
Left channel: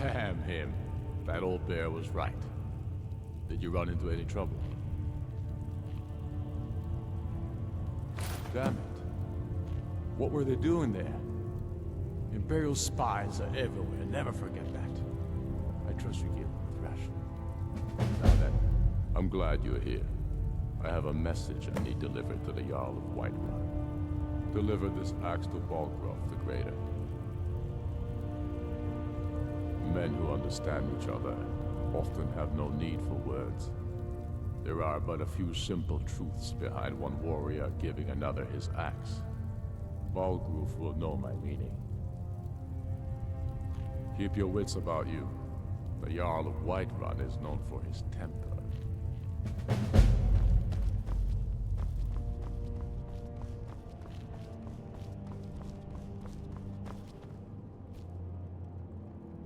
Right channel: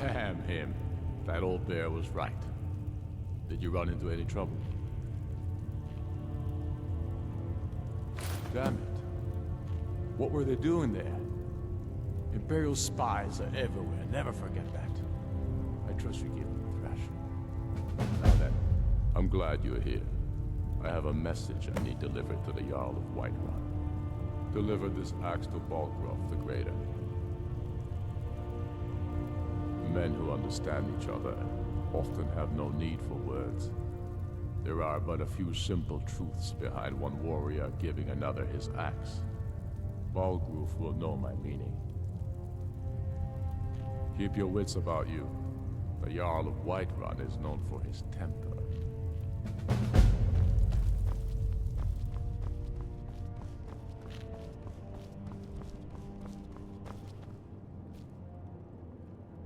Damn him. That old bear was right. Did you run into any trouble? Damn it. What were they doing there? Imperial spies are everywhere. Never forget that. I trust you give Thrash. Now then, I'm glad you're here. I have a message I need delivered to the Jarl of Whiterun. Deliver this axe to Balgraf the Greater. Men who understand each other often have no need for words. There are but a few simple truths behind one warrior giving another his axe. Balgraf will know my meaning. Keep your wits about you. The Jarl of Whiterun is known for his temper.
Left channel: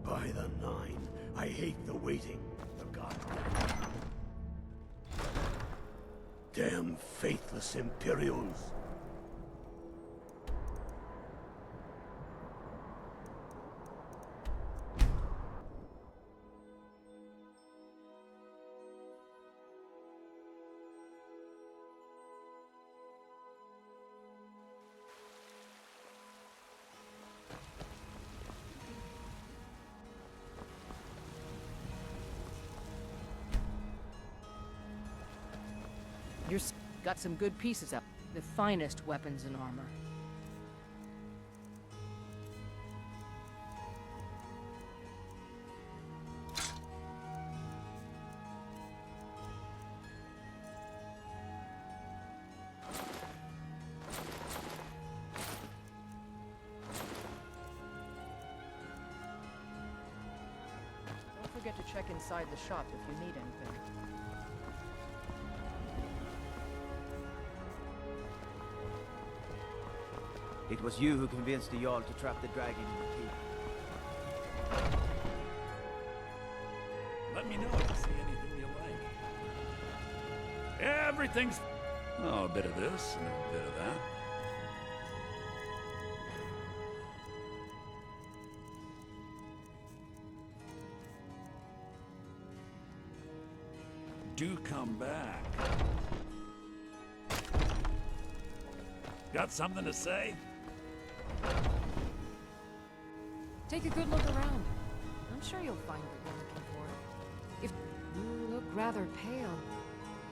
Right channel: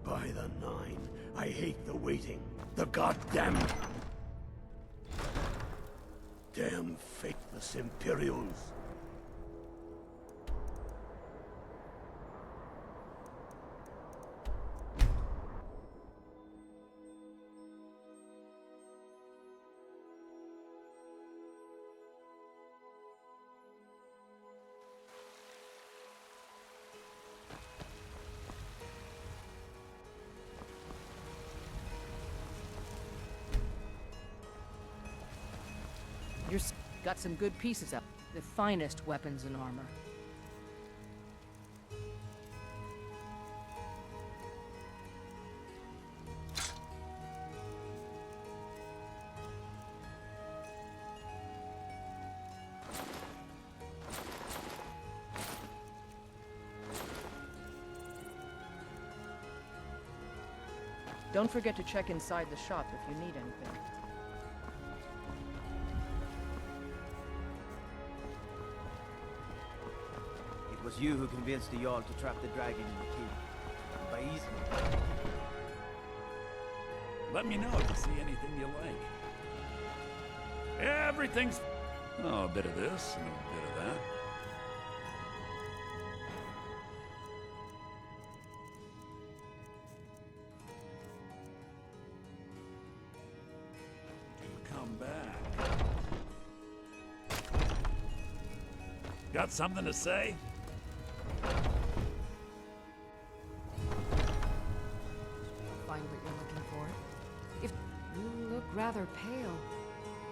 By the Nine, I hate the waiting. The goddamn... Damn faithless Imperials. You've got some good pieces up. The finest weapons and armor. Don't forget to check inside the shop if you need anything. It was you who convinced the Jarl to trap the dragon in the keep. By easy. Let me know if you see anything you like. Everything's... Oh, a bit of this and a bit of that. Do come back. Got something to say? Take a good look around. I'm sure you'll find what you're looking for. If you look rather pale,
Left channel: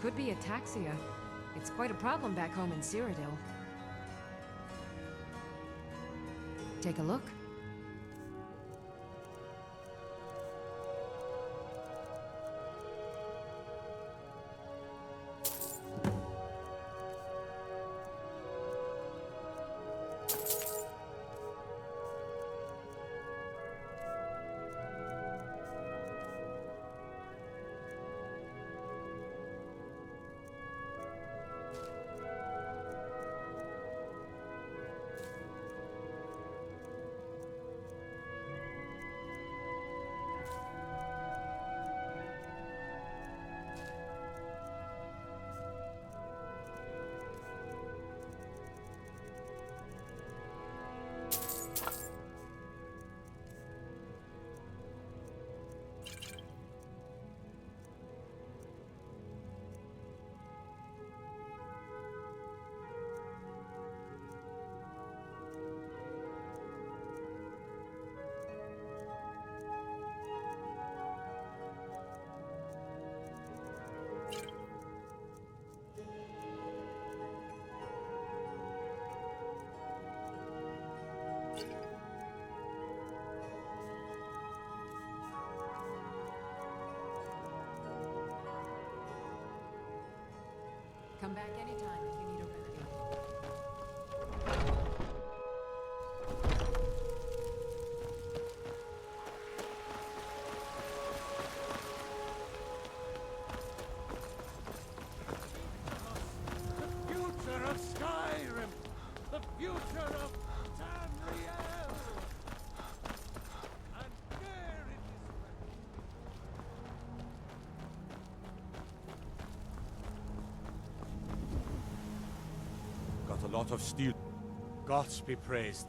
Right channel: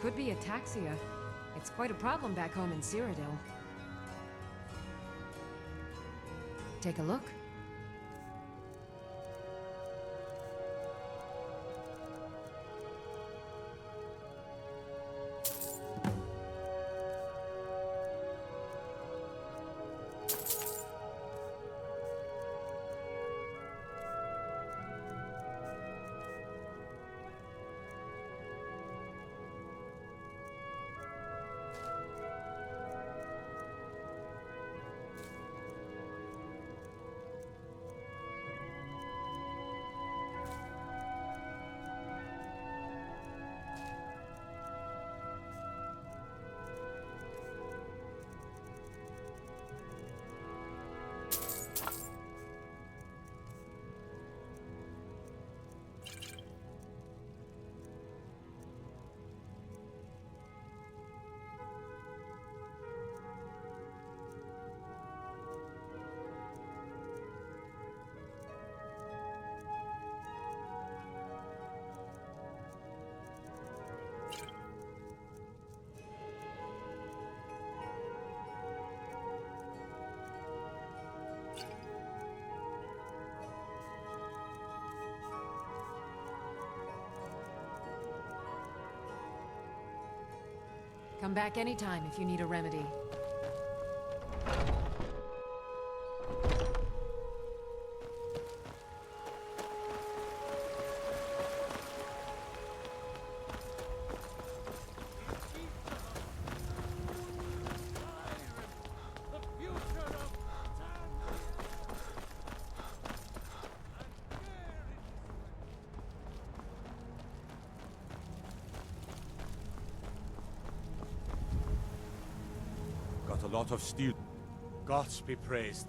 could be ataxia. It's quite a problem back home in Cyrodiil. Take a look. Come back anytime if you need a remedy. Future of Skyrim! The future of Tamriel! And where it is Got a lot of steel. Gods be praised.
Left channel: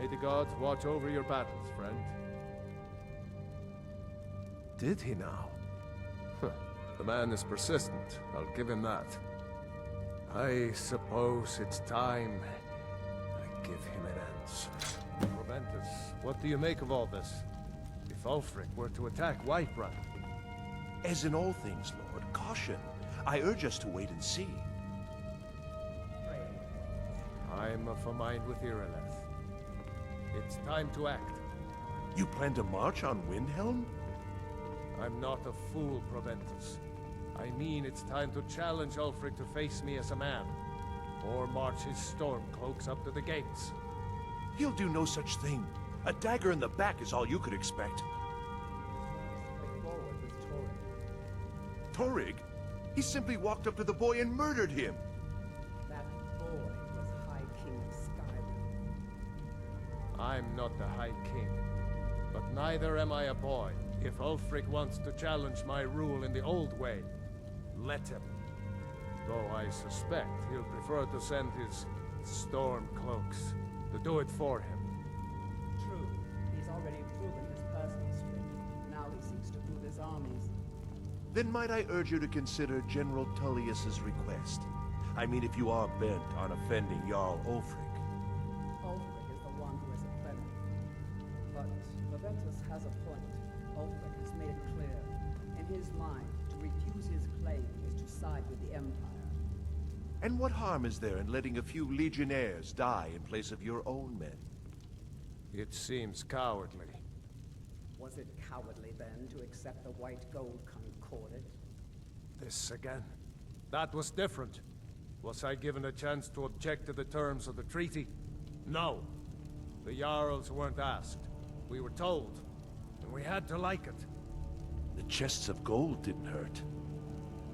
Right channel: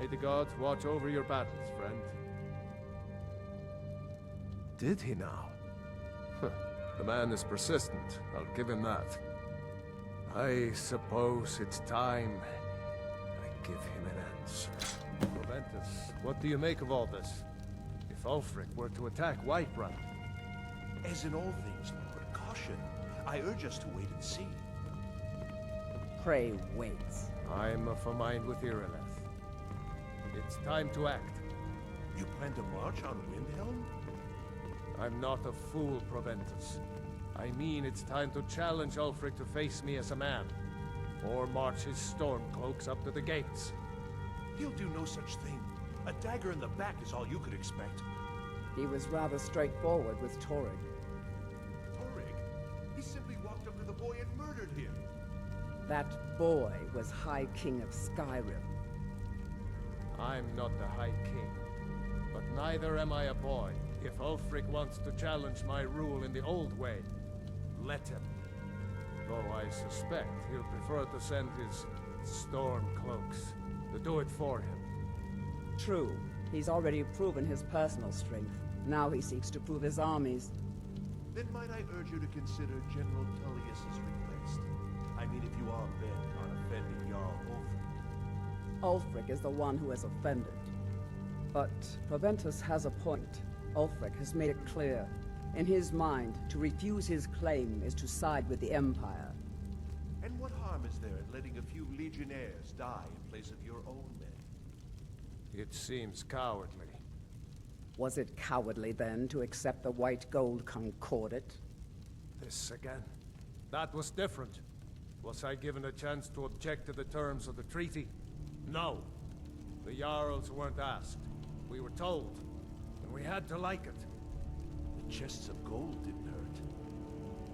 May the gods watch over your battles, friend. Did he now? Huh. The man is persistent, I'll give him that. I suppose it's time I give him an answer. Proventus, what do you make of all this? If Ulfric were to attack Whiterun... As in all things, Lord, caution. I urge us to wait and see. Pray wait. I'm of a mind with Irileth. It's time to act. You plan to march on Windhelm? I'm not a fool, Proventus. I mean it's time to challenge Ulfric to face me as a man. Or march his stormcloaks up to the gates. He'll do no such thing. A dagger in the back is all you could expect. He was rather straightforward with Torrig. Torrig? He simply walked up to the boy and murdered him. That boy was High King of Skyrim. I'm not the High King. But neither am I a boy. If Ulfric wants to challenge my rule in the old way, let him. Though I suspect he'll prefer to send his stormcloaks to do it for him. True. He's already proven his personal strength. Now he seeks to prove his armies. Then might I urge you to consider General Tullius's request? I mean, if you are bent on offending Jarl Ulfric. Ulfric is the one who has offended. But Proventus has a point. Ulfric has made it clear. In his mind, to refuse his claim is to side with the Empire. And what harm is there in letting a few legionnaires die in place of your own men? It seems cowardly. Was it cowardly, then, to accept the White Gold Concordat? This again? That was different. Was I given a chance to object to the terms of the treaty? No. The Jarls weren't asked. We were told. And we had to like it. The chests of gold didn't hurt.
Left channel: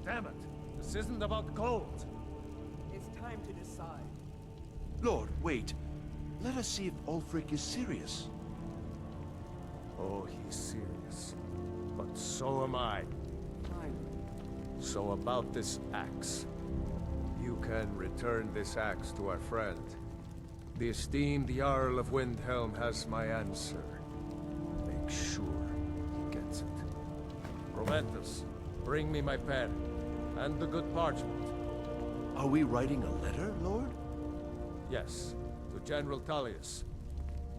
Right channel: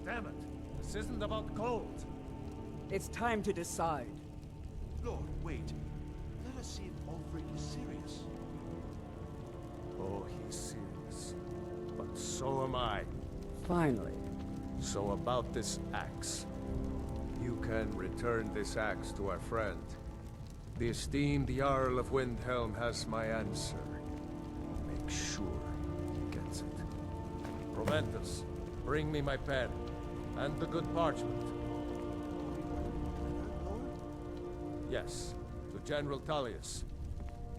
Damn it! This isn't about gold! It's time to decide. Lord, wait. Let us see if Ulfric is serious. Oh, he's serious. But so am I. Finally. So about this axe. You can return this axe to our friend. The esteemed Jarl of Windhelm has my answer. Make sure he gets it. Proventus, bring me my pen. And the good parchment. Are we writing a letter, Lord? Yes, to General Tullius.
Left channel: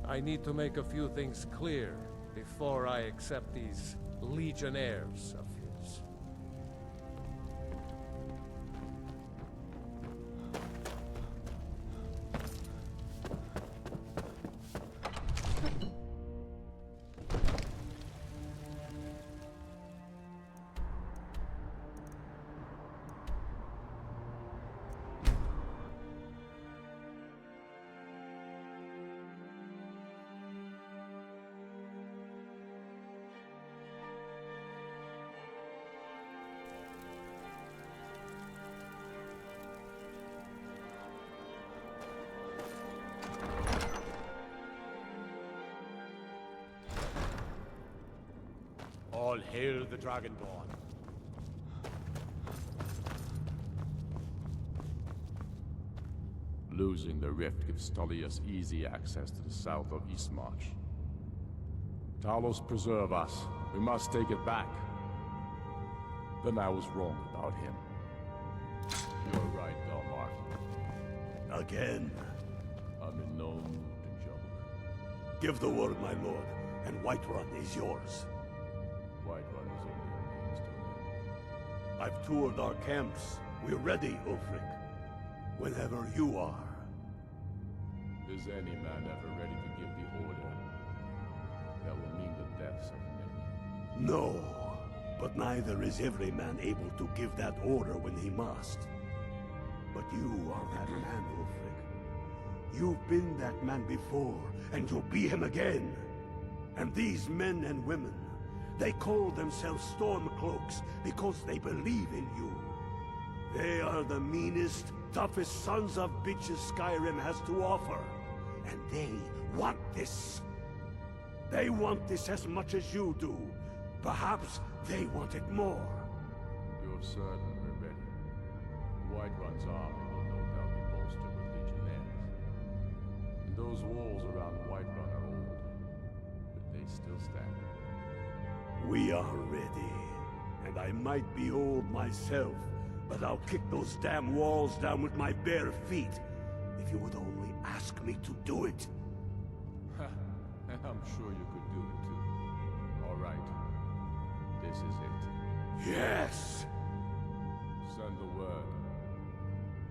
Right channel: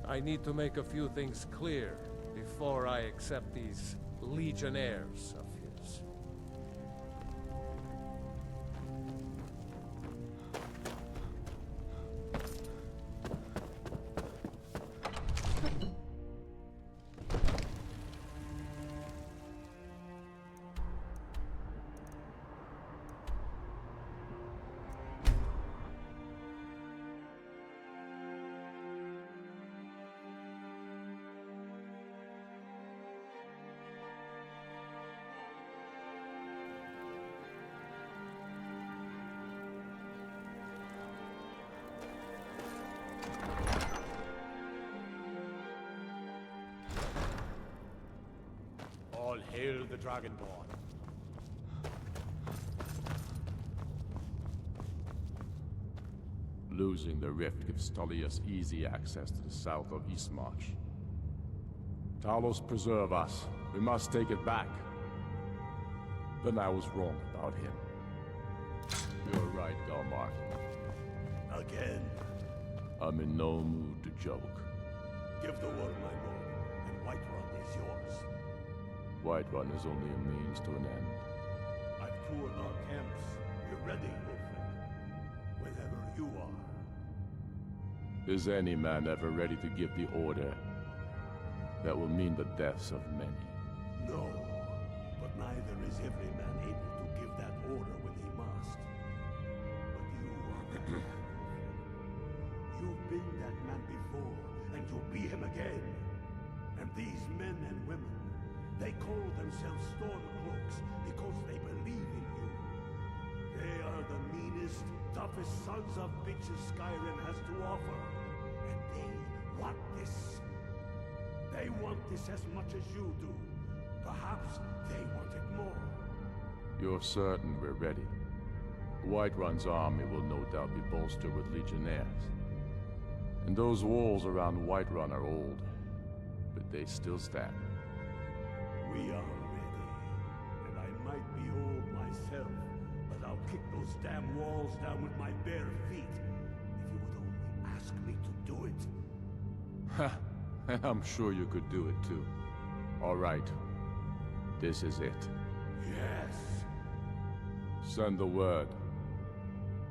I need to make a few things clear before I accept these legionnaires of his. All hail the Dragonborn. Losing the rift gives Tullius easy access to the south of Eastmarch. Talos preserve us. We must take it back. Then I was wrong about him. You're right, Galmar. Again? I'm in no mood to joke. Give the word, my lord, and Whiterun is yours. Whiterun is only a means to an end. I've toured our camps. We're ready, Ulfric. Whenever you are. Is any man ever ready to give the order that will mean the deaths of many? No, but neither is every man able to give that order when he must. But you are that man, Ulfric. You've been that man before, and you'll be him again. And these men and women, they call themselves Stormcloaks because they believe in you. They are the meanest, toughest sons of bitches Skyrim has to offer. And they want this. They want this as much as you do. Perhaps they want it more. You're certain we're ready? Whiterun's army will no doubt be bolstered with legionnaires. And those walls around Whiterun are old, but they still stand. We are ready. And I might be old myself, but I'll kick those damn walls down with my bare feet, if you would only ask me to do it. Ha! I'm sure you could do it too. All right. This is it. Yes! Send the word.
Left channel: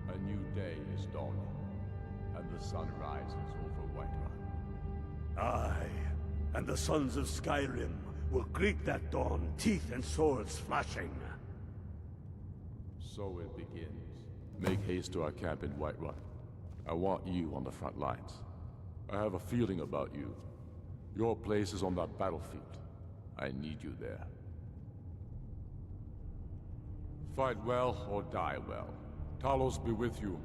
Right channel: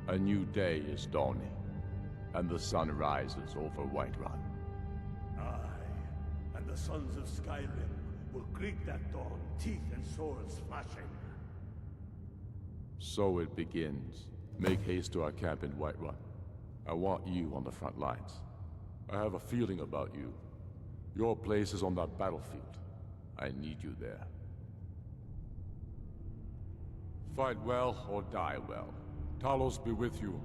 A new day is dawning, and the sun rises over Whiterun. Aye, and the sons of Skyrim will greet that dawn, teeth and swords flashing. So it begins. Make haste to our camp in Whiterun. I want you on the front lines. I have a feeling about you. Your place is on that battlefield. I need you there. Fight well or die well. Talos be with you.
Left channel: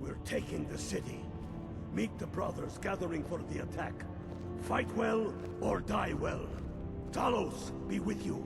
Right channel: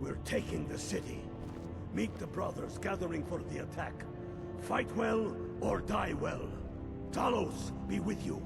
We're taking the city. Meet the brothers gathering for the attack. Fight well or die well. Talos be with you.